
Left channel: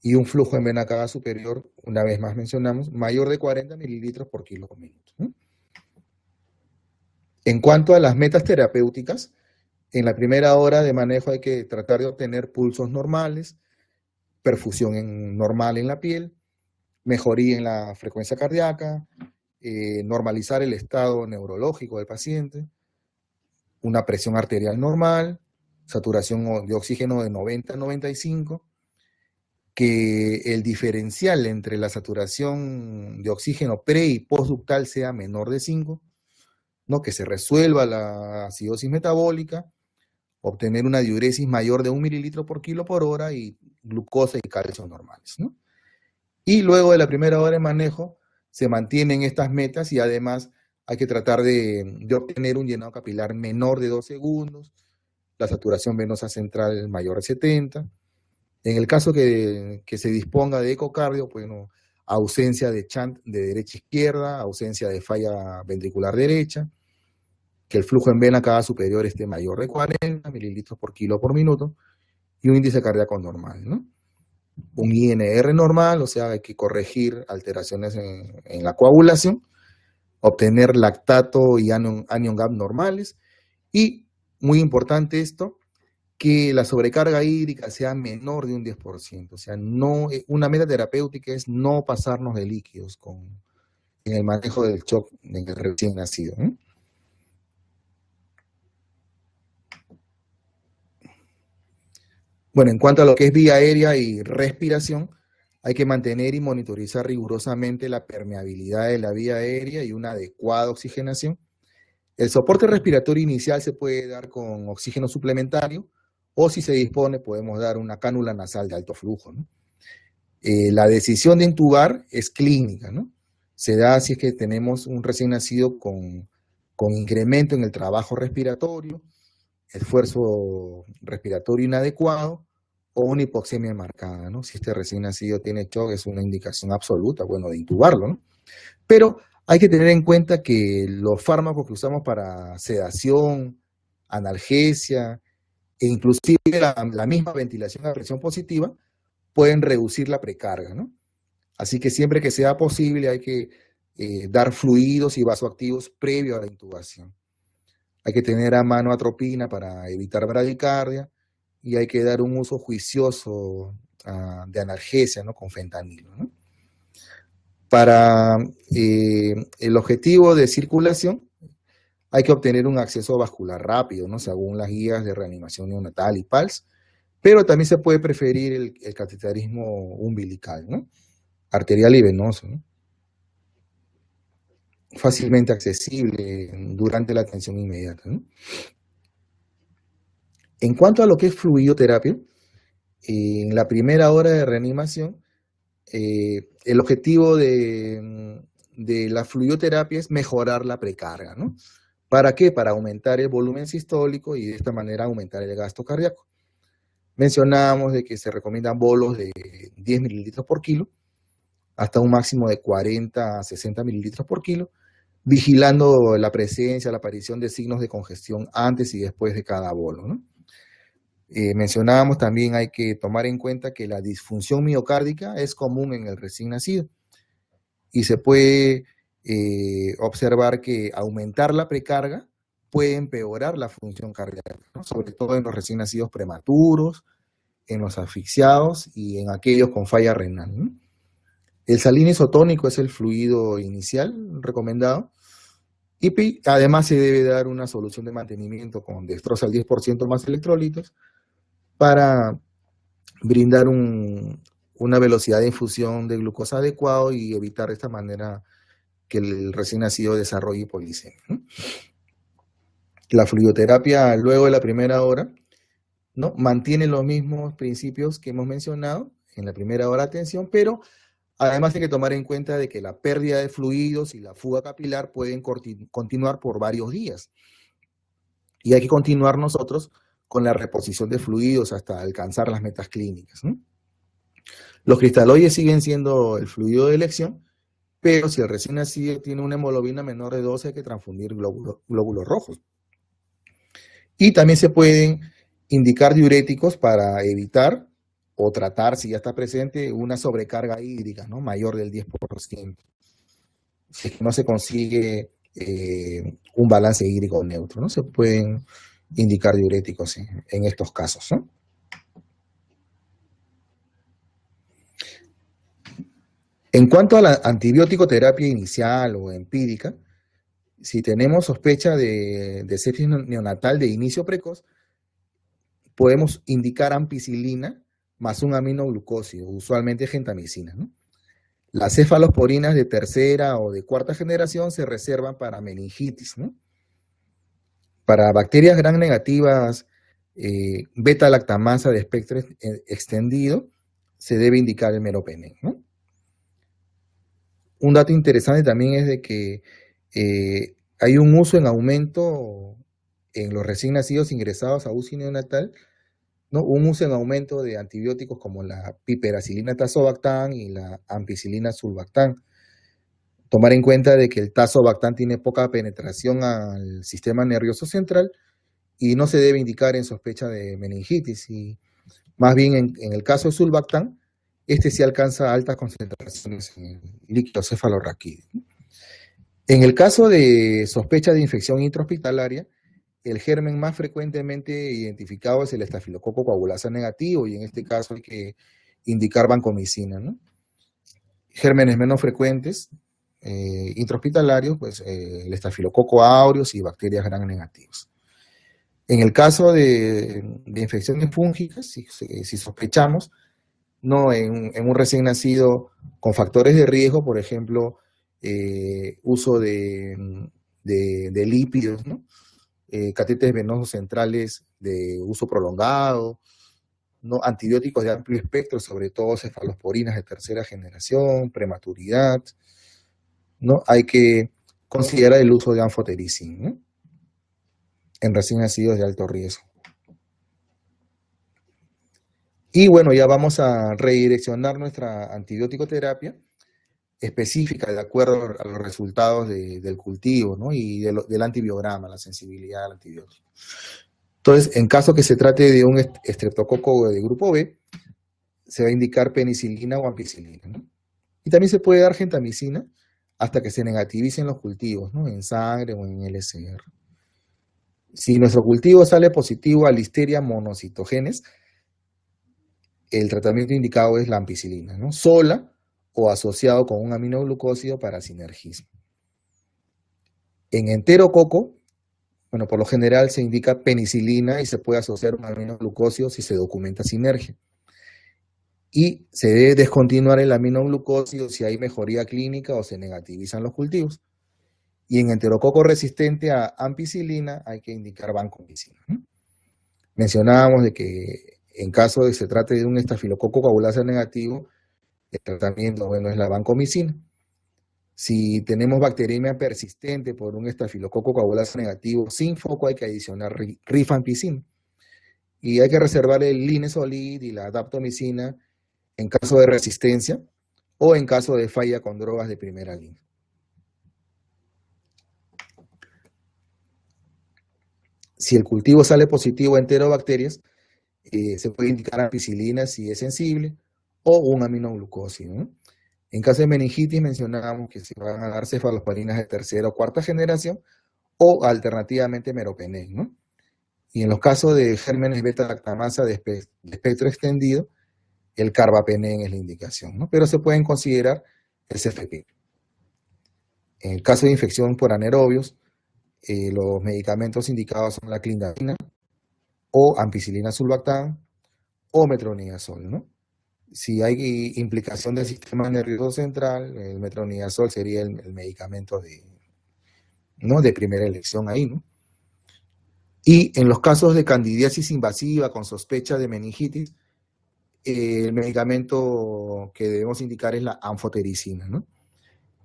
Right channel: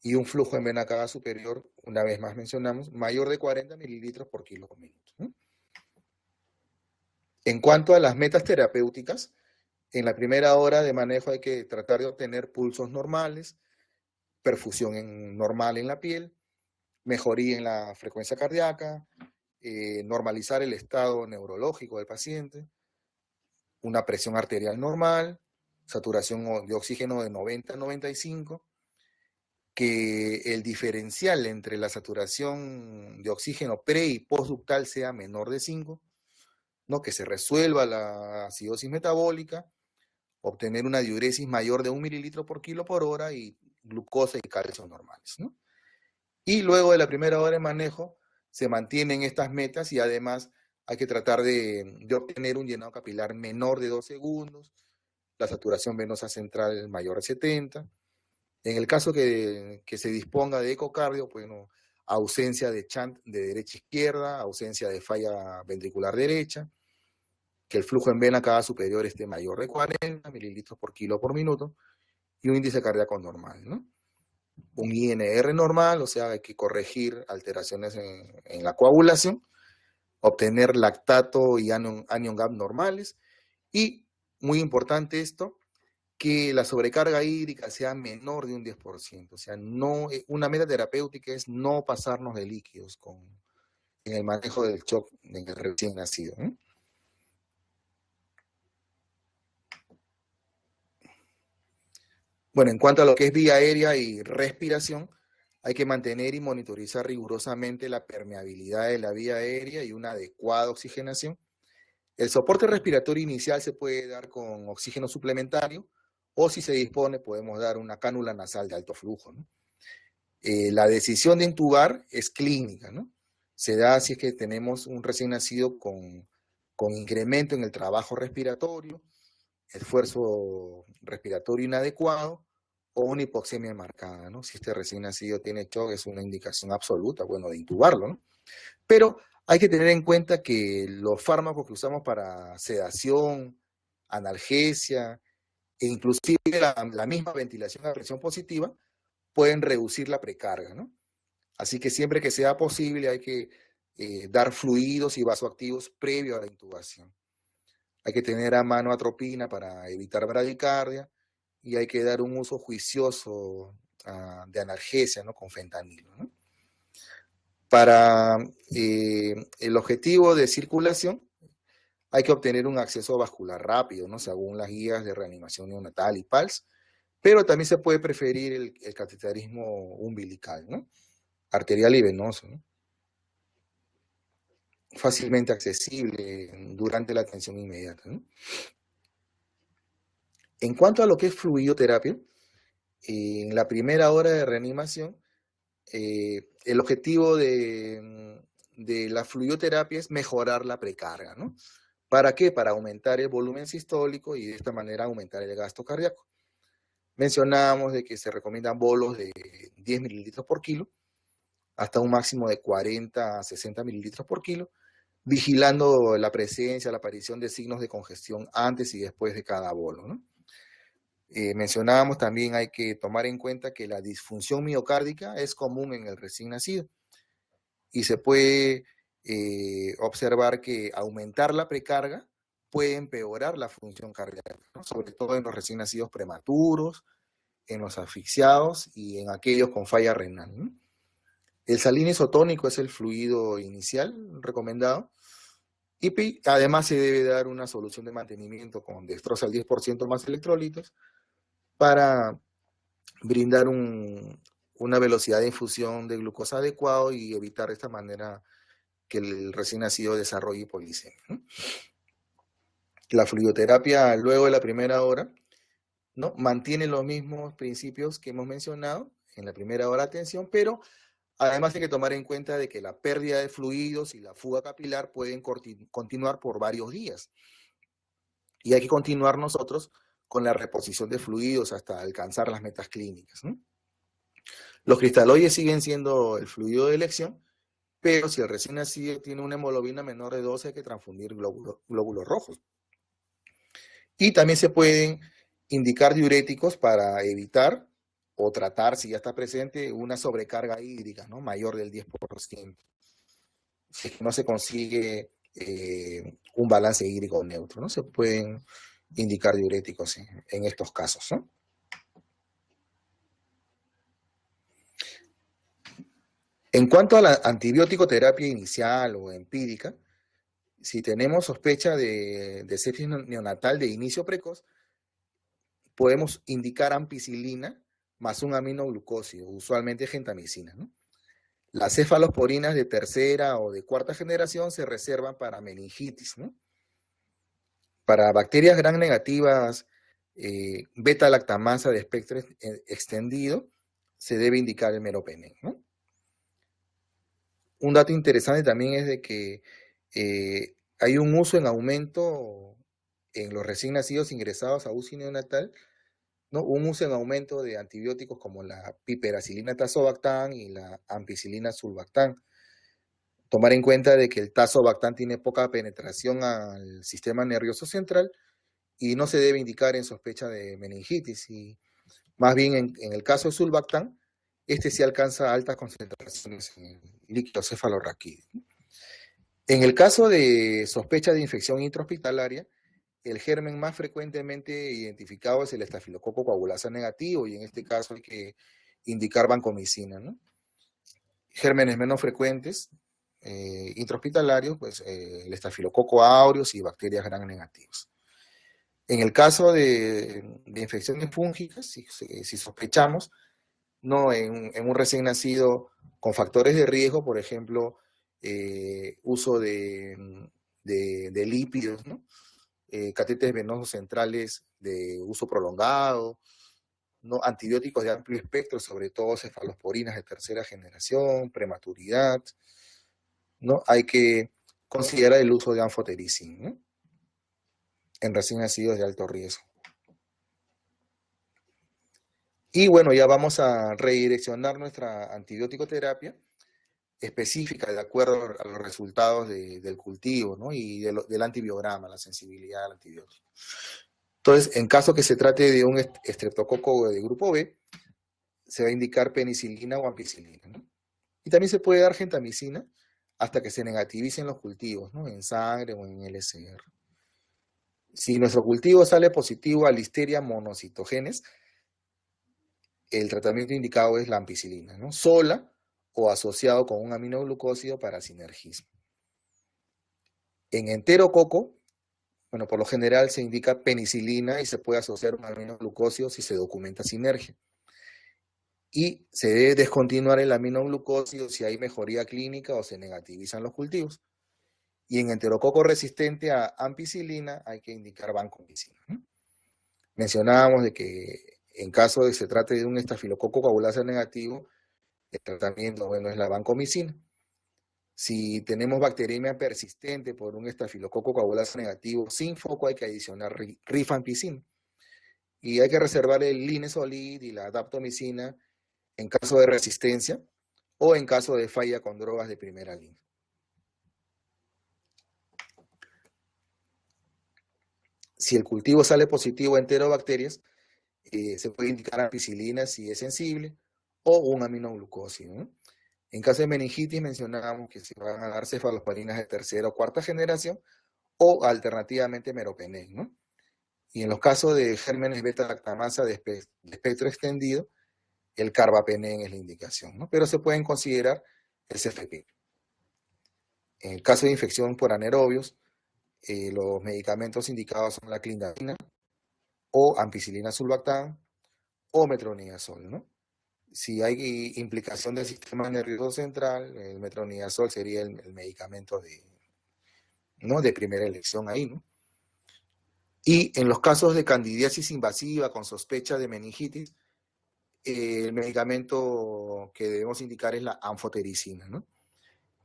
y un flujo en vena cava superior, una vez más mencionamos, mayor de 40 mililitros por kilo por minuto, ¿no? En cuanto a las metas terapéuticas, en la primera hora de manejo hay que tratar de obtener pulsos normales, perfusión normal en la piel, mejoría en la frecuencia cardíaca, normalizar el estado neurológico del paciente, una presión arterial normal, saturación de oxígeno de 90 a 95, que el diferencial entre la saturación de oxígeno pre y postductal sea menor de 5, ¿no? Que se resuelva la acidosis metabólica, obtener una diuresis mayor de 1 mililitro por kilo por hora y glucosa y calcio normales, ¿no? Y luego de la primera hora de manejo se mantienen estas metas y además hay que tratar de obtener un llenado capilar menor de 2 segundos, la saturación venosa central mayor de 70. En el caso que se disponga de ecocardio, bueno, ausencia de shunt de derecha a izquierda, ausencia de falla ventricular derecha, que el flujo en vena cava superior esté mayor de 40 mililitros por kilo por minuto y un índice cardíaco normal, ¿no? Un INR normal, o sea, hay que corregir alteraciones en la coagulación, obtener lactato y anion gap normales y, muy importante esto, que la sobrecarga hídrica sea menor de un 10%. O sea, no, una meta terapéutica es no pasarnos de líquidos en el manejo del shock en el recién nacido, ¿eh? Bueno, en cuanto a lo que es vía aérea y respiración, hay que mantener y monitorizar rigurosamente la permeabilidad de la vía aérea y una adecuada oxigenación. El soporte respiratorio inicial se puede dar con oxígeno suplementario o si se dispone podemos dar una cánula nasal de alto flujo, ¿no? La decisión de intubar es clínica, ¿no? Se da si es que tenemos un recién nacido con incremento en el trabajo respiratorio, esfuerzo respiratorio inadecuado o una hipoxemia marcada, ¿no? Si este recién nacido tiene shock, es una indicación absoluta, bueno, de intubarlo, ¿no? Pero hay que tener en cuenta que los fármacos que usamos para sedación, analgesia e inclusive la misma ventilación a presión positiva pueden reducir la precarga, ¿no? Así que siempre que sea posible hay que dar fluidos y vasoactivos previo a la intubación. Hay que tener a mano atropina para evitar bradicardia y hay que dar un uso juicioso de analgesia, ¿no? Con fentanilo, ¿no? Para el objetivo de circulación hay que obtener un acceso vascular rápido, ¿no? Según las guías de reanimación neonatal y PALS, pero también se puede preferir el cateterismo umbilical, ¿no? Arterial y venoso, ¿no? Fácilmente accesible durante la atención inmediata, ¿no? En cuanto a lo que es fluidoterapia, en la primera hora de reanimación, el objetivo de la fluidoterapia es mejorar la precarga, ¿no? ¿Para qué? Para aumentar el volumen sistólico y de esta manera aumentar el gasto cardíaco. Mencionábamos de que se recomiendan bolos de 10 mililitros por kilo, hasta un máximo de 40 a 60 mililitros por kilo, vigilando la presencia, la aparición de signos de congestión antes y después de cada bolo, ¿no? Mencionábamos también hay que tomar en cuenta que la disfunción miocárdica es común en el recién nacido y se puede observar que aumentar la precarga puede empeorar la función cardíaca, ¿no? Sobre todo en los recién nacidos prematuros, en los asfixiados y en aquellos con falla renal, ¿no? El salino isotónico es el fluido inicial recomendado y además se debe dar una solución de mantenimiento con dextrosa al 10% más electrolitos para brindar una velocidad de infusión de glucosa adecuado y evitar de esta manera que el recién nacido desarrolle hipoglicemia, ¿no? La fluidoterapia luego de la primera hora, ¿no? Mantiene los mismos principios que hemos mencionado en la primera hora de atención, pero además hay que tomar en cuenta de que la pérdida de fluidos y la fuga capilar pueden continuar por varios días. y hay que continuar nosotros con la reposición de fluidos hasta alcanzar las metas clínicas, ¿no? Los cristaloides siguen siendo el fluido de elección, pero si el recién nacido tiene una hemoglobina menor de 12, hay que transfundir glóbulos rojos. Y también se pueden indicar diuréticos para evitar o tratar, si ya está presente, una sobrecarga hídrica, ¿no? Mayor del 10%. Si es que no se consigue un balance hídrico neutro, ¿no? Se pueden indicar diuréticos en estos casos, ¿no? En cuanto a la antibiótico terapia inicial o empírica, si tenemos sospecha de sepsis neonatal de inicio precoz, podemos indicar ampicilina más un aminoglucósido, usualmente gentamicina, ¿no? Las cefalosporinas de tercera o de cuarta generación se reservan para meningitis, ¿no? Para bacterias gram negativas, beta-lactamasa de espectro extendido, se debe indicar el meropenem, ¿no? Un dato interesante también es de que hay un uso en aumento en los recién nacidos ingresados a UCI neonatal, ¿no? Un uso en aumento de antibióticos como la piperacilina tazobactam y la ampicilina sulbactam. Tomar en cuenta de que el tazobactam tiene poca penetración al sistema nervioso central y no se debe indicar en sospecha de meningitis. Y más bien en el caso de sulbactam, este sí alcanza altas concentraciones en el líquido cefalorraquídeo. En el caso de sospecha de infección intrahospitalaria, el germen más frecuentemente identificado es el estafilococo coagulasa negativo, y en este caso hay que indicar vancomicina, ¿no? Gérmenes menos frecuentes, intrahospitalarios, pues el estafilococo aureus y bacterias gram negativas. En el caso de infecciones fúngicas, si sospechamos, ¿no? En un recién nacido con factores de riesgo, por ejemplo, uso de lípidos, ¿no? Catéteres venosos centrales de uso prolongado, ¿no? Antibióticos de amplio espectro, sobre todo cefalosporinas de tercera generación, prematuridad, ¿no? Hay que considerar el uso de anfotericin, ¿no? En recién nacidos de alto riesgo. Y bueno, ya vamos a redireccionar nuestra antibiótico terapia específica de acuerdo a los resultados del cultivo, ¿no? Y del antibiograma, la sensibilidad al antibiótico. Entonces, en caso que se trate de un estreptococo de grupo B, se va a indicar penicilina o ampicilina, ¿no? Y también se puede dar gentamicina hasta que se negativicen los cultivos, ¿no? En sangre o en LCR. Si nuestro cultivo sale positivo a Listeria monocitogenes, el tratamiento indicado es la ampicilina, ¿no? Sola o asociado con un aminoglucósido para sinergismo. En enterococo, bueno, por lo general se indica penicilina y se puede asociar un aminoglucósido si se documenta sinergia. Y se debe descontinuar el aminoglucósido si hay mejoría clínica o se negativizan los cultivos. Y en enterococo resistente a ampicilina hay que indicar vancomicina, ¿no? Mencionábamos de que en caso de que se trate de un estafilococo coagulasa negativo, el tratamiento, bueno, es la vancomicina. Si tenemos bacteriemia persistente por un estafilococo coagulasa negativo sin foco, hay que adicionar rifampicina. Y hay que reservar el linezolid y la daptomicina en caso de resistencia o en caso de falla con drogas de primera línea. Si el cultivo sale positivo a enterobacterias, se puede indicar ampicilina si es sensible o un aminoglucósido, ¿no? En caso de meningitis mencionábamos que se van a dar cefalosporinas de tercera o cuarta generación o alternativamente meropenem, ¿no? Y en los casos de gérmenes beta-lactamasa de espectro extendido, el carbapenem es la indicación, ¿no? Pero se pueden considerar el CFP. En el caso de infección por anaerobios, los medicamentos indicados son la clindamina o ampicilina sulbactam o metronidazol, ¿no? Si hay implicación del sistema nervioso central, el metronidazol sería el medicamento ¿no? de primera elección ahí, ¿no? Y en los casos de candidiasis invasiva con sospecha de meningitis, el medicamento que debemos indicar es la anfotericina, ¿no?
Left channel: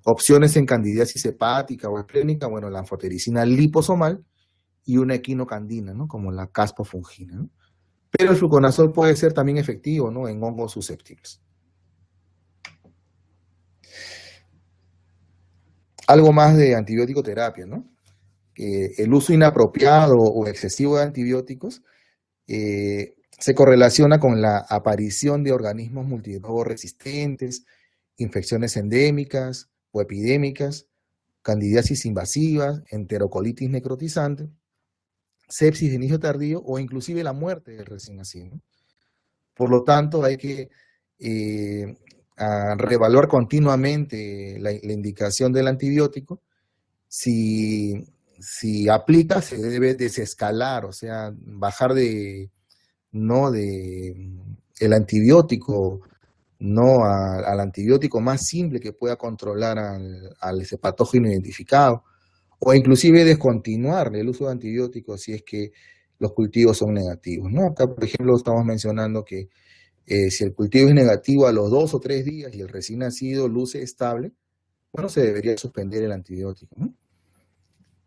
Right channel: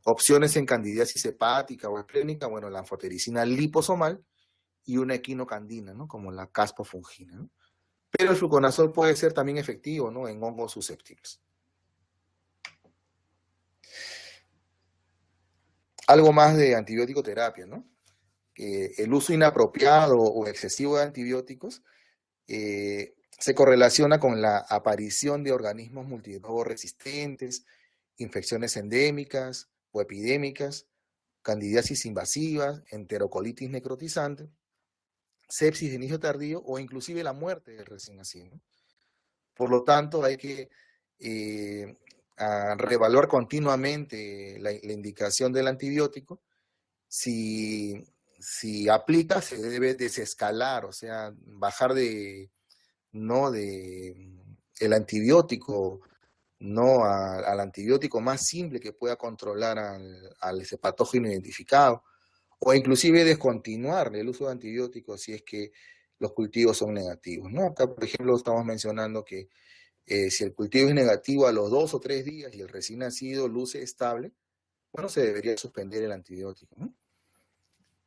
Opciones en candidiasis hepática o esplénica, bueno, la anfotericina liposomal y una equinocandina, ¿no? Como la caspofungina, ¿no? Pero el fluconazol puede ser también efectivo, ¿no? En hongos susceptibles. Algo más de antibiótico terapia, ¿no? El uso inapropiado o excesivo de antibióticos se correlaciona con la aparición de organismos multidrogos resistentes, infecciones endémicas o epidémicas, candidiasis invasivas, enterocolitis necrotizante, sepsis de inicio tardío o inclusive la muerte del recién nacido, ¿no? Por lo tanto, hay que reevaluar continuamente la indicación del antibiótico. Si aplica, se debe desescalar, o sea, bajar el antibiótico, no al antibiótico más simple que pueda controlar al ese patógeno identificado, o inclusive descontinuar el uso de antibióticos si es que los cultivos son negativos, ¿no? Acá, por ejemplo, estamos mencionando que si el cultivo es negativo a los 2 o 3 días y el recién nacido luce estable, bueno, se debería suspender el antibiótico, ¿no?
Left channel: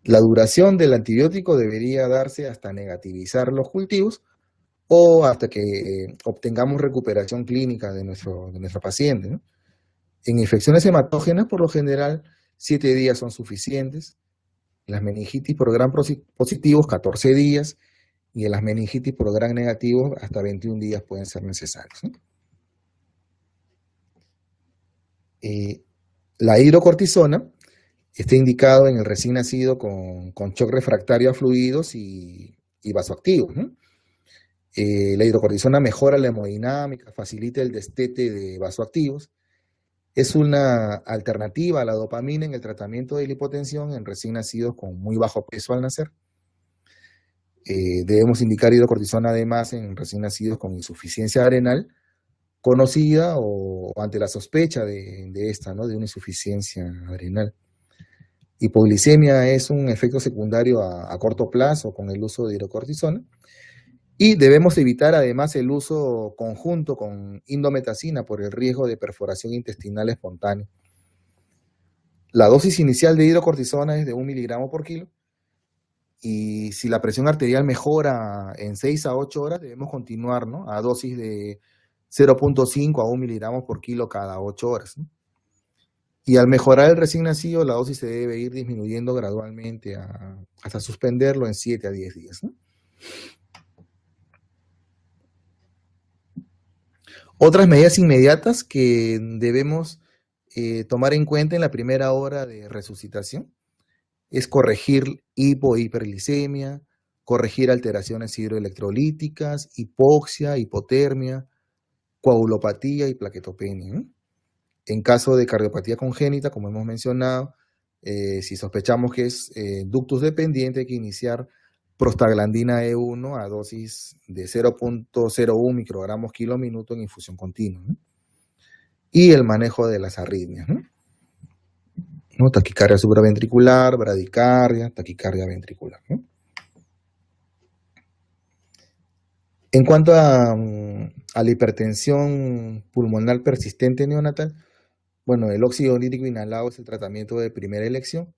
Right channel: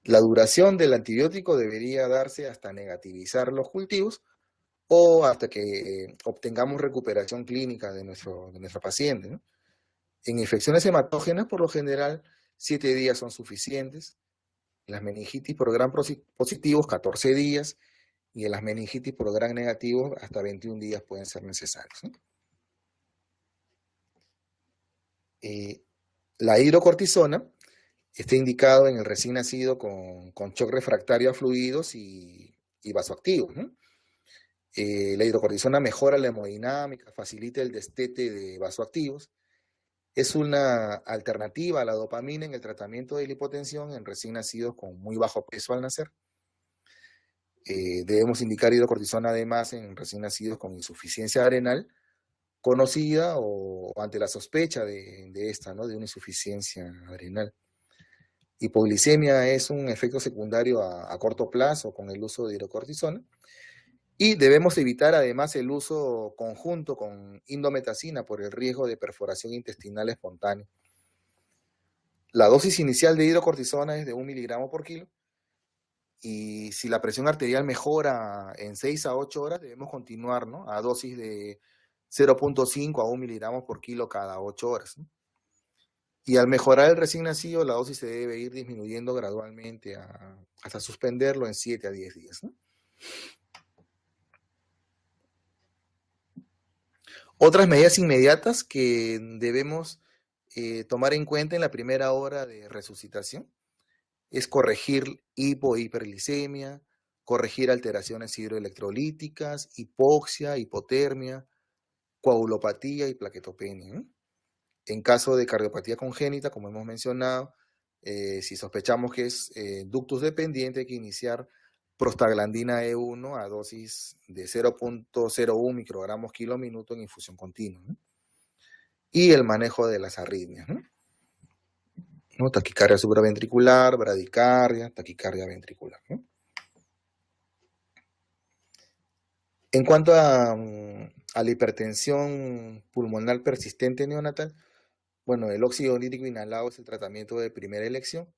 La duración del antibiótico debería darse hasta negativizar los cultivos o hasta que obtengamos recuperación clínica de nuestro paciente, ¿no? En infecciones hematógenas, por lo general, 7 días son suficientes. En las meningitis por gram positivos, 14 días. Y en las meningitis por gram negativos, hasta 21 días pueden ser necesarios, ¿no? La hidrocortisona está indicado en el recién nacido con shock refractario a fluidos y vasoactivos, ¿no? La hidrocortisona mejora la hemodinámica, facilita el destete de vasoactivos. Es una alternativa a la dopamina en el tratamiento de la hipotensión en recién nacidos con muy bajo peso al nacer. Debemos indicar hidrocortisona además en recién nacidos con insuficiencia adrenal conocida o ante la sospecha de esta, ¿no? De una insuficiencia adrenal. Hipoglicemia es un efecto secundario a corto plazo con el uso de hidrocortisona. Y debemos evitar además el uso conjunto con indometacina por el riesgo de perforación intestinal espontánea. La dosis inicial de hidrocortisona es de 1 miligramo por kilo. Y si la presión arterial mejora en 6 a 8 horas, debemos continuar, ¿no? A dosis de 0.5 a 1 miligramos por kilo cada 8 horas, ¿no? Y al mejorar el recién nacido, la dosis se debe ir disminuyendo gradualmente hasta suspenderlo en 7 a 10 días, ¿no? Otras medidas inmediatas que debemos tomar en cuenta en la primera hora de resucitación es corregir hiperglicemia, corregir alteraciones hidroelectrolíticas, hipoxia, hipotermia, coagulopatía y plaquetopenia, ¿no? En caso de cardiopatía congénita, como hemos mencionado, si sospechamos que es ductus dependiente, hay que iniciar prostaglandina E1 a dosis de 0.01 microgramos kilo minuto en infusión continua, ¿no? Y el manejo de las arritmias, ¿no? Taquicardia supraventricular, bradicardia, taquicardia ventricular, ¿no? En cuanto a la hipertensión pulmonar persistente neonatal, bueno, el óxido nítrico inhalado es el tratamiento de primera elección,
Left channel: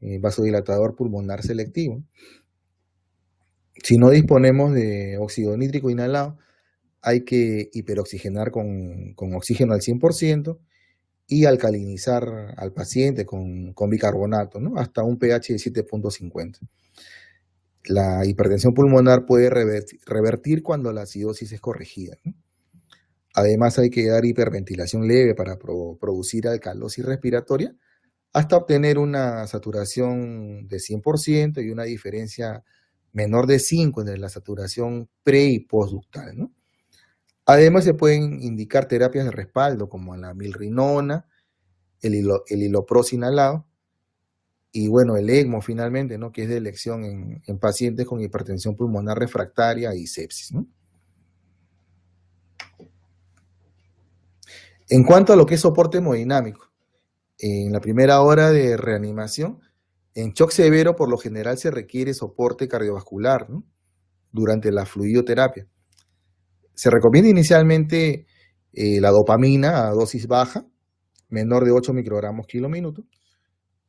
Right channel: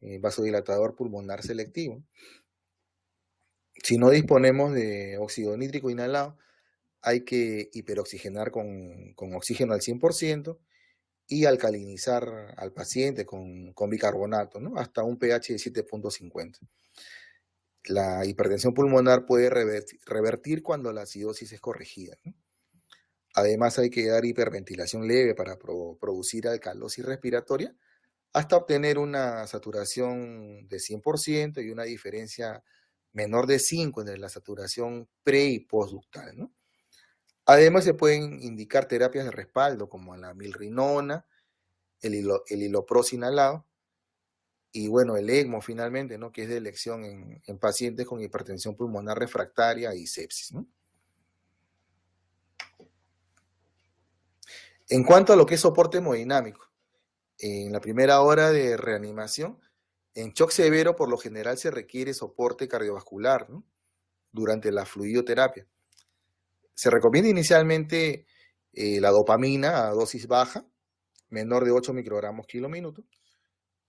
vasodilatador pulmonar selectivo. Si no disponemos de óxido nítrico inhalado, hay que hiperoxigenar con oxígeno al 100% y alcalinizar al paciente con bicarbonato, ¿no? Hasta un pH de 7.50. La hipertensión pulmonar puede revertir cuando la acidosis es corregida, ¿no? Además, hay que dar hiperventilación leve para producir alcalosis respiratoria hasta obtener una saturación de 100% y una diferencia menor de 5 entre la saturación pre y postductal, ¿no? Además, se pueden indicar terapias de respaldo como la milrinona, el hilopros inhalado y, bueno, el ECMO finalmente, ¿no? Que es de elección en pacientes con hipertensión pulmonar refractaria y sepsis, ¿no? En cuanto a lo que es soporte hemodinámico, en la primera hora de reanimación, en shock severo por lo general se requiere soporte cardiovascular, ¿no? Durante la fluidoterapia. Se recomienda inicialmente la dopamina a dosis baja, menor de 8 microgramos kilo minuto,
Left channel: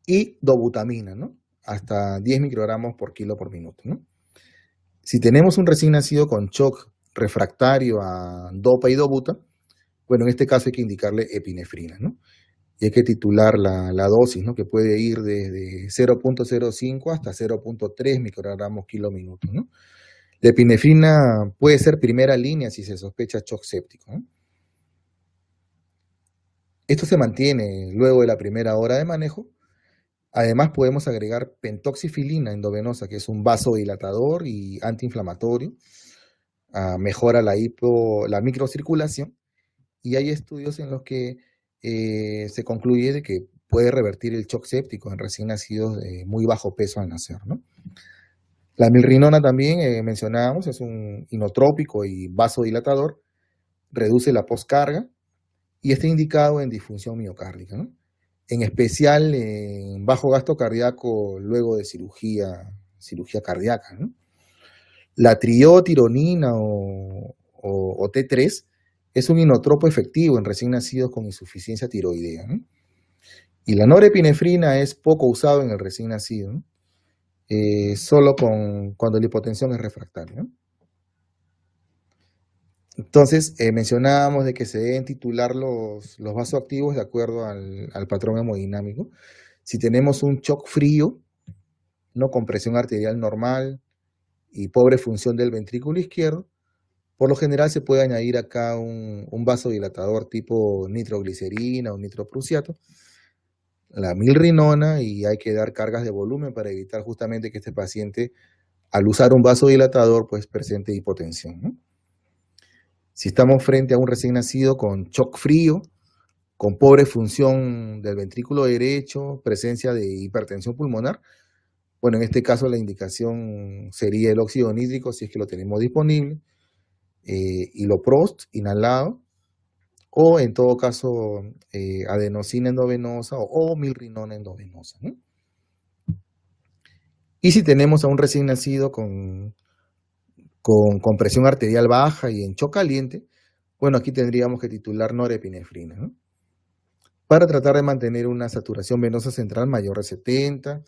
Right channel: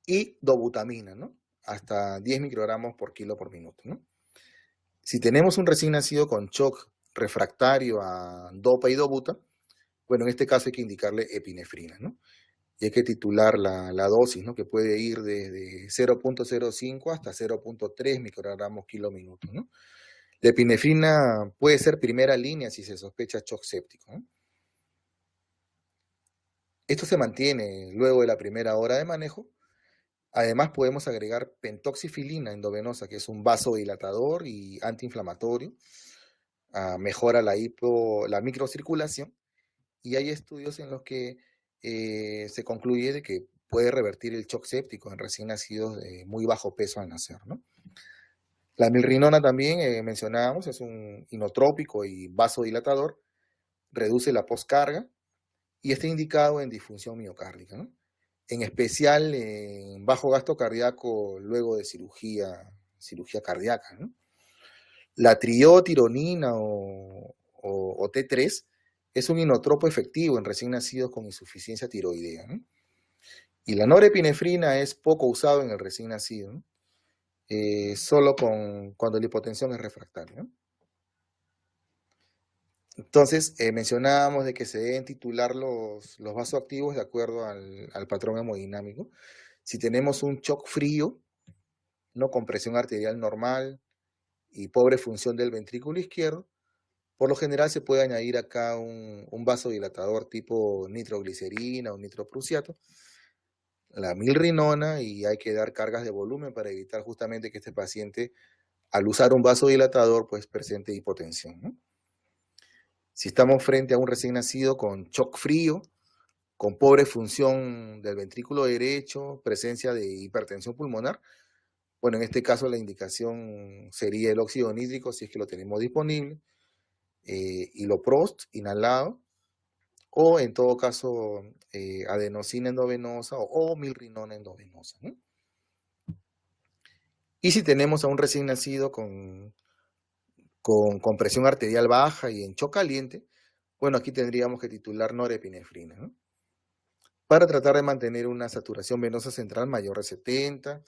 y dobutamina, ¿no? hasta 10 microgramos por kilo por minuto, ¿no? Si tenemos un recién nacido con shock refractario a dopa y dobuta, bueno, en este caso hay que indicarle epinefrina, ¿no? Y hay que titular la dosis, ¿no? Que puede ir desde 0.05 hasta 0.3 microgramos kilo minuto, ¿no? La epinefrina puede ser primera línea si se sospecha shock séptico, ¿no? Esto se mantiene luego de la primera hora de manejo. Además, podemos agregar pentoxifilina endovenosa, que es un vasodilatador y antiinflamatorio. Mejora la microcirculación. Y hay estudios en los que se concluye de que puede revertir el shock séptico en recién nacidos de muy bajo peso al nacer, ¿no? La milrinona también mencionábamos, es un inotrópico y vasodilatador, reduce la poscarga y está indicado en disfunción miocárdica, ¿no? En especial en bajo gasto cardíaco luego de cirugía cardíaca, ¿no? La triotironina o T3 es un inotropo efectivo en recién nacidos con insuficiencia tiroidea, ¿no? Y la norepinefrina es poco usado en el recién nacido, ¿no? Solo cuando la hipotensión es refractaria, ¿no? Entonces, mencionábamos de que se deben titular los vasoactivos de acuerdo al patrón hemodinámico. Si tenemos un shock frío, ¿no? Con presión arterial normal y pobre función del ventrículo izquierdo, por lo general se puede añadir acá un vasodilatador tipo nitroglicerina o nitroprusiato, la milrinona, y hay que dar cargas de volumen para evitar justamente que este paciente, al usar un vasodilatador, pues presente hipotensión, ¿no? Si estamos frente a un recién nacido con shock frío, con pobre función del ventrículo derecho, presencia de hipertensión pulmonar, bueno, en este caso la indicación sería el óxido nítrico si es que lo tenemos disponible, iloprost inhalado, o en todo caso adenosina endovenosa o milrinona endovenosa, ¿no? Y si tenemos a un recién nacido con presión arterial baja y en shock caliente, bueno, aquí tendríamos que titular norepinefrina, ¿no? Para tratar de mantener una saturación venosa central mayor de 70,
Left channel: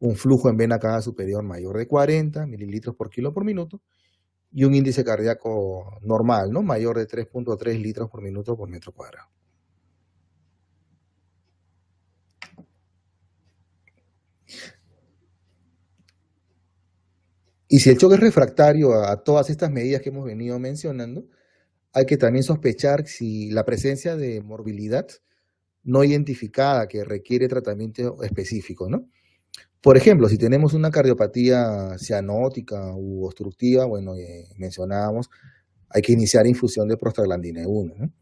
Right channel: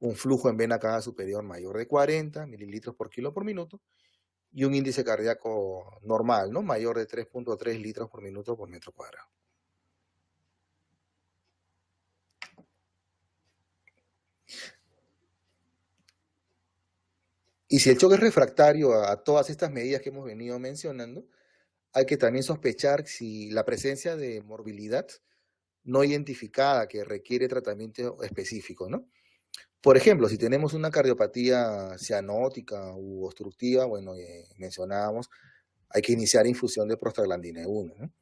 un flujo en vena cava superior mayor de 40 mililitros por kilo por minuto, y un índice cardíaco normal, ¿no? Mayor de 3.3 litros por minuto por metro cuadrado. Y si el choque es refractario a todas estas medidas que hemos venido mencionando, hay que también sospechar si la presencia de morbilidad no identificada que requiere tratamiento específico, ¿no? Por ejemplo, si tenemos una cardiopatía cianótica u obstructiva, bueno, mencionábamos, hay que iniciar infusión de prostaglandina 1, ¿no?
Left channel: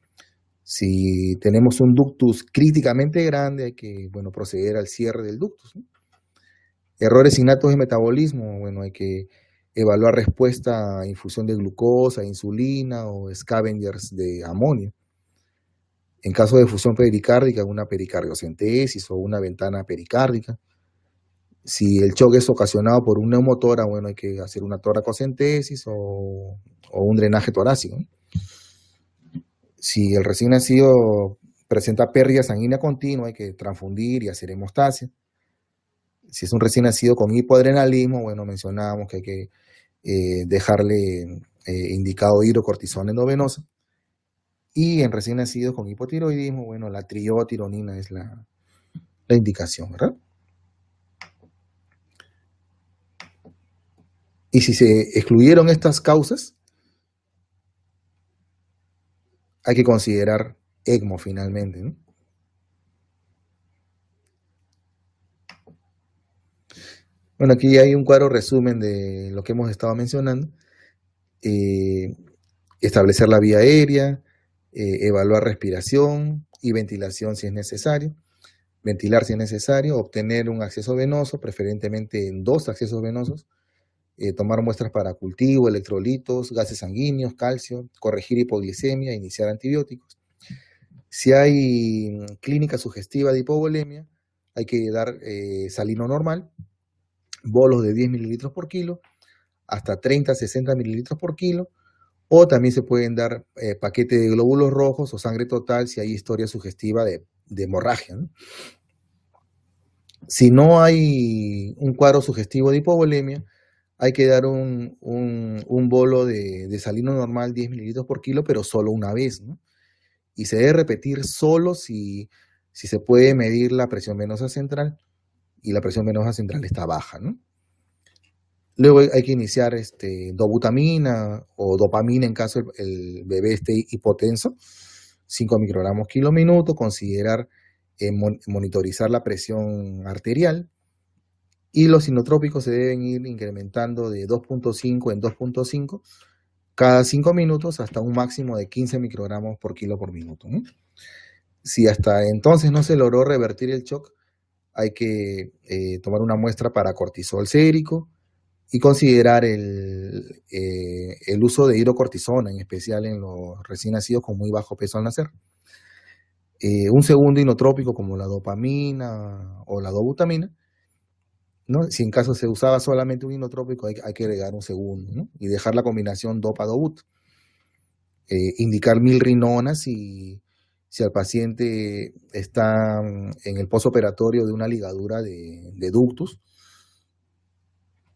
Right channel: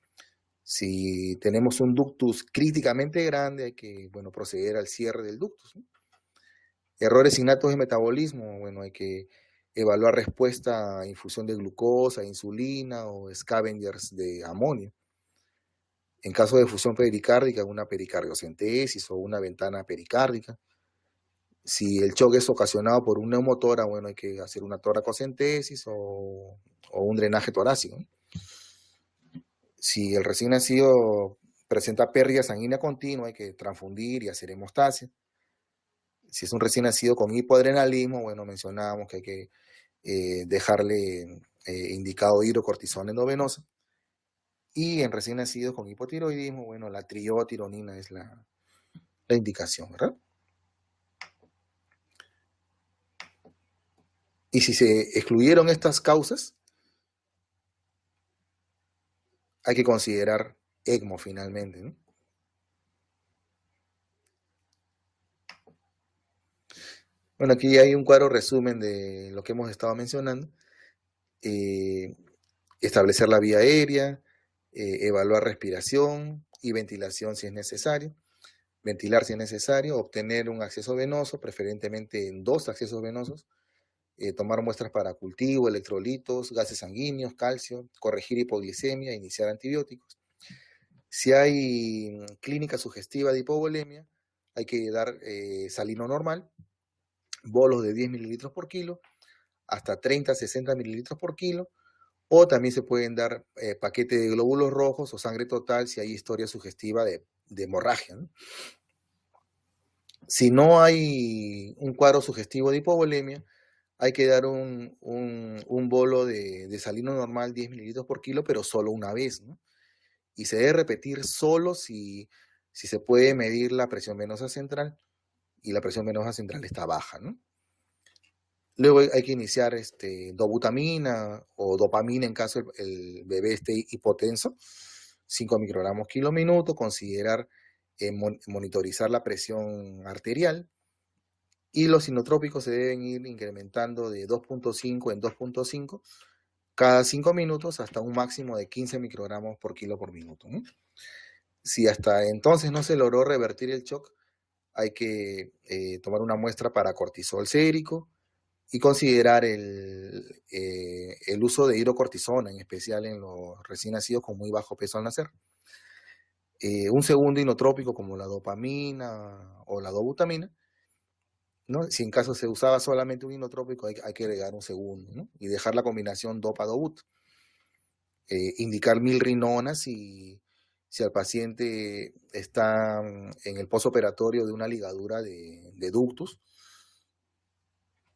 Si tenemos un ductus críticamente grande, hay que, bueno, proceder al cierre del ductus, ¿no? Errores innatos de metabolismo, bueno, hay que evaluar respuesta a infusión de glucosa, insulina o scavengers de amonio. En caso de fusión pericárdica, una pericardiocentesis o una ventana pericárdica. Si el choque es ocasionado por un neumotora, bueno, hay que hacer una toracocentesis o un drenaje torácico, ¿no? Si el recién nacido presenta pérdida sanguínea continua, hay que transfundir y hacer hemostasia. Si es un recién nacido con hipoadrenalismo, bueno, mencionábamos que hay que dejarle indicado hidrocortisona endovenosa. Y en recién nacidos con hipotiroidismo, bueno, la triotironina es la indicación, ¿verdad? Y si se excluyeron estas causas, hay que considerar ECMO finalmente, ¿no? Bueno, aquí hay un cuadro resumen de lo que hemos estado mencionando. Establecer la vía aérea, evaluar respiración y ventilación si es necesario, ventilar si es necesario, obtener un acceso venoso, preferentemente en 2 accesos venosos, tomar muestras para cultivo, electrolitos, gases sanguíneos, calcio, corregir hipoglicemia, iniciar antibióticos. Si hay clínica sugestiva de hipovolemia, hay que dar salino normal, bolos de 10 mililitros por kilo, hasta 30 a 60 mililitros por kilo, o también se pueden dar paquete de glóbulos rojos o sangre total si hay historia sugestiva de hemorragia, ¿no? Si no hay un cuadro sugestivo de hipovolemia, hay que dar un bolo de salino normal, 10 mililitros por kilo, pero solo una vez, ¿no? Y se debe repetir solo si se puede medir la presión venosa central y la presión venosa central está baja, ¿no? Luego hay que iniciar dobutamina o dopamina en caso el bebé esté hipotenso, 5 microgramos kilo minuto, considerar monitorizar la presión arterial, y los sinotrópicos se deben ir incrementando de 2.5 en 2.5 cada 5 minutos hasta un máximo de 15 microgramos por kilo por minuto, ¿no? Si hasta entonces no se logró revertir el shock, hay que tomar una muestra para cortisol sérico y considerar el uso de hidrocortisona, en especial en los recién nacidos con muy bajo peso al nacer. Un segundo inotrópico como la dopamina o la dobutamina, ¿no? Si en caso se usaba solamente un inotrópico, hay que agregar un segundo, ¿no? Y dejar la combinación dopa-dobut. Indicar milrinona si el paciente está en el postoperatorio de una ligadura de ductus,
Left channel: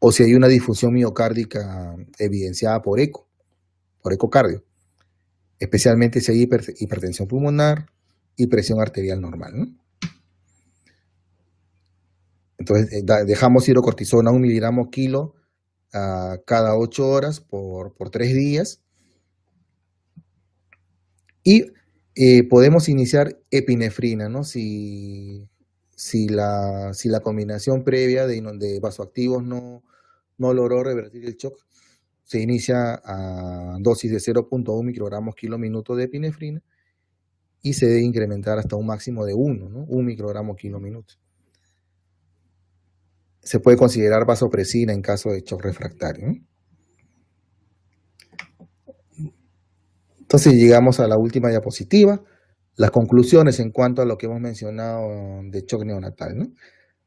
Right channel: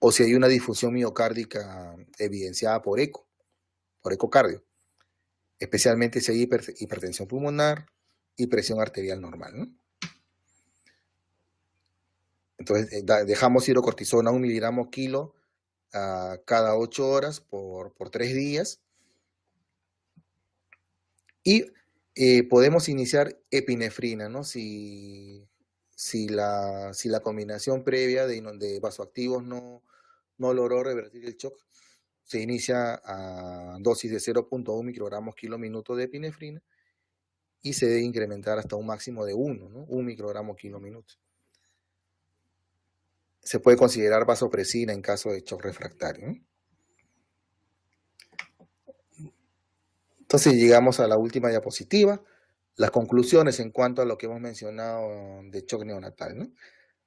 o si hay una disfunción miocárdica evidenciada por ecocardio, especialmente si hay hipertensión pulmonar y presión arterial normal, ¿no? Entonces, dejamos hidrocortisona 1 miligramo kilo cada 8 horas por 3 días. Y podemos iniciar epinefrina, ¿no? Si la combinación previa de vasoactivos no logró revertir el shock, se inicia a dosis de 0.1 microgramos kilo minuto de epinefrina y se debe incrementar hasta un máximo de 1, ¿no? 1 microgramo kilo minuto. Se puede considerar vasopresina en caso de shock refractario, ¿no? Entonces llegamos a la última diapositiva, las conclusiones en cuanto a lo que hemos mencionado de shock neonatal, ¿no?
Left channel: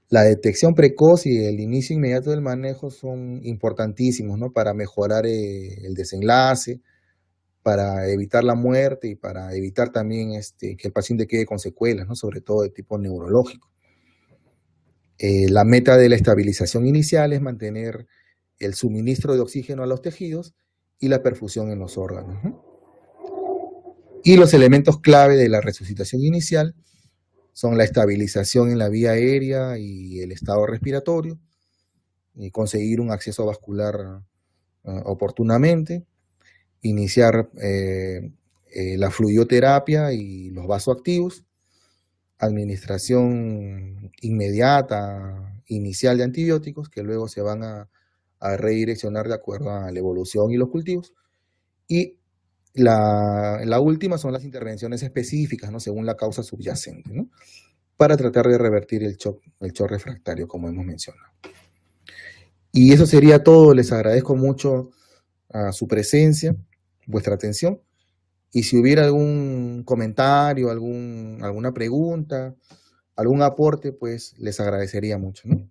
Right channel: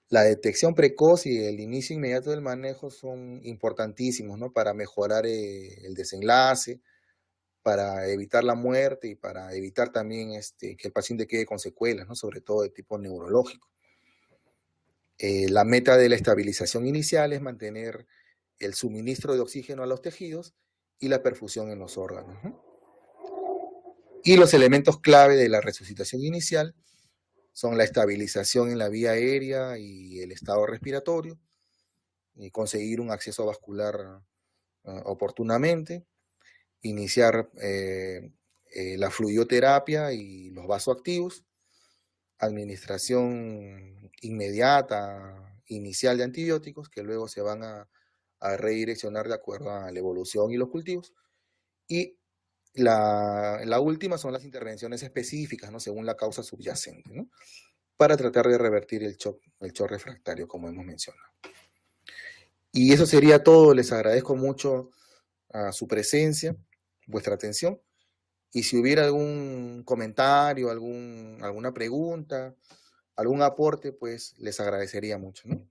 La detección precoz y el inicio inmediato del manejo son importantísimos, ¿no? Para mejorar el desenlace, para evitar la muerte y para evitar también que el paciente quede con secuelas, ¿no? Sobre todo de tipo neurológico. La meta de la estabilización inicial es mantener el suministro de oxígeno a los tejidos y la perfusión en los órganos, ¿no? Y los elementos clave de la resucitación inicial son la estabilización en la vía aérea y el estado respiratorio, y conseguir un acceso vascular oportunamente, iniciar la fluidoterapia y los vasoactivos, administración inmediata, inicial de antibióticos, que luego se van a redireccionar de acuerdo a la evolución y los cultivos, y la última son las intervenciones específicas, ¿no? Según la causa subyacente, ¿no? Para tratar de revertir el shock refractario, como hemos mencionado. Y eso sería todo. Les agradezco mucho su presencia, vuestra atención. Y si hubiera algún comentario, alguna pregunta, algún aporte, pues les agradecería mucho, ¿no?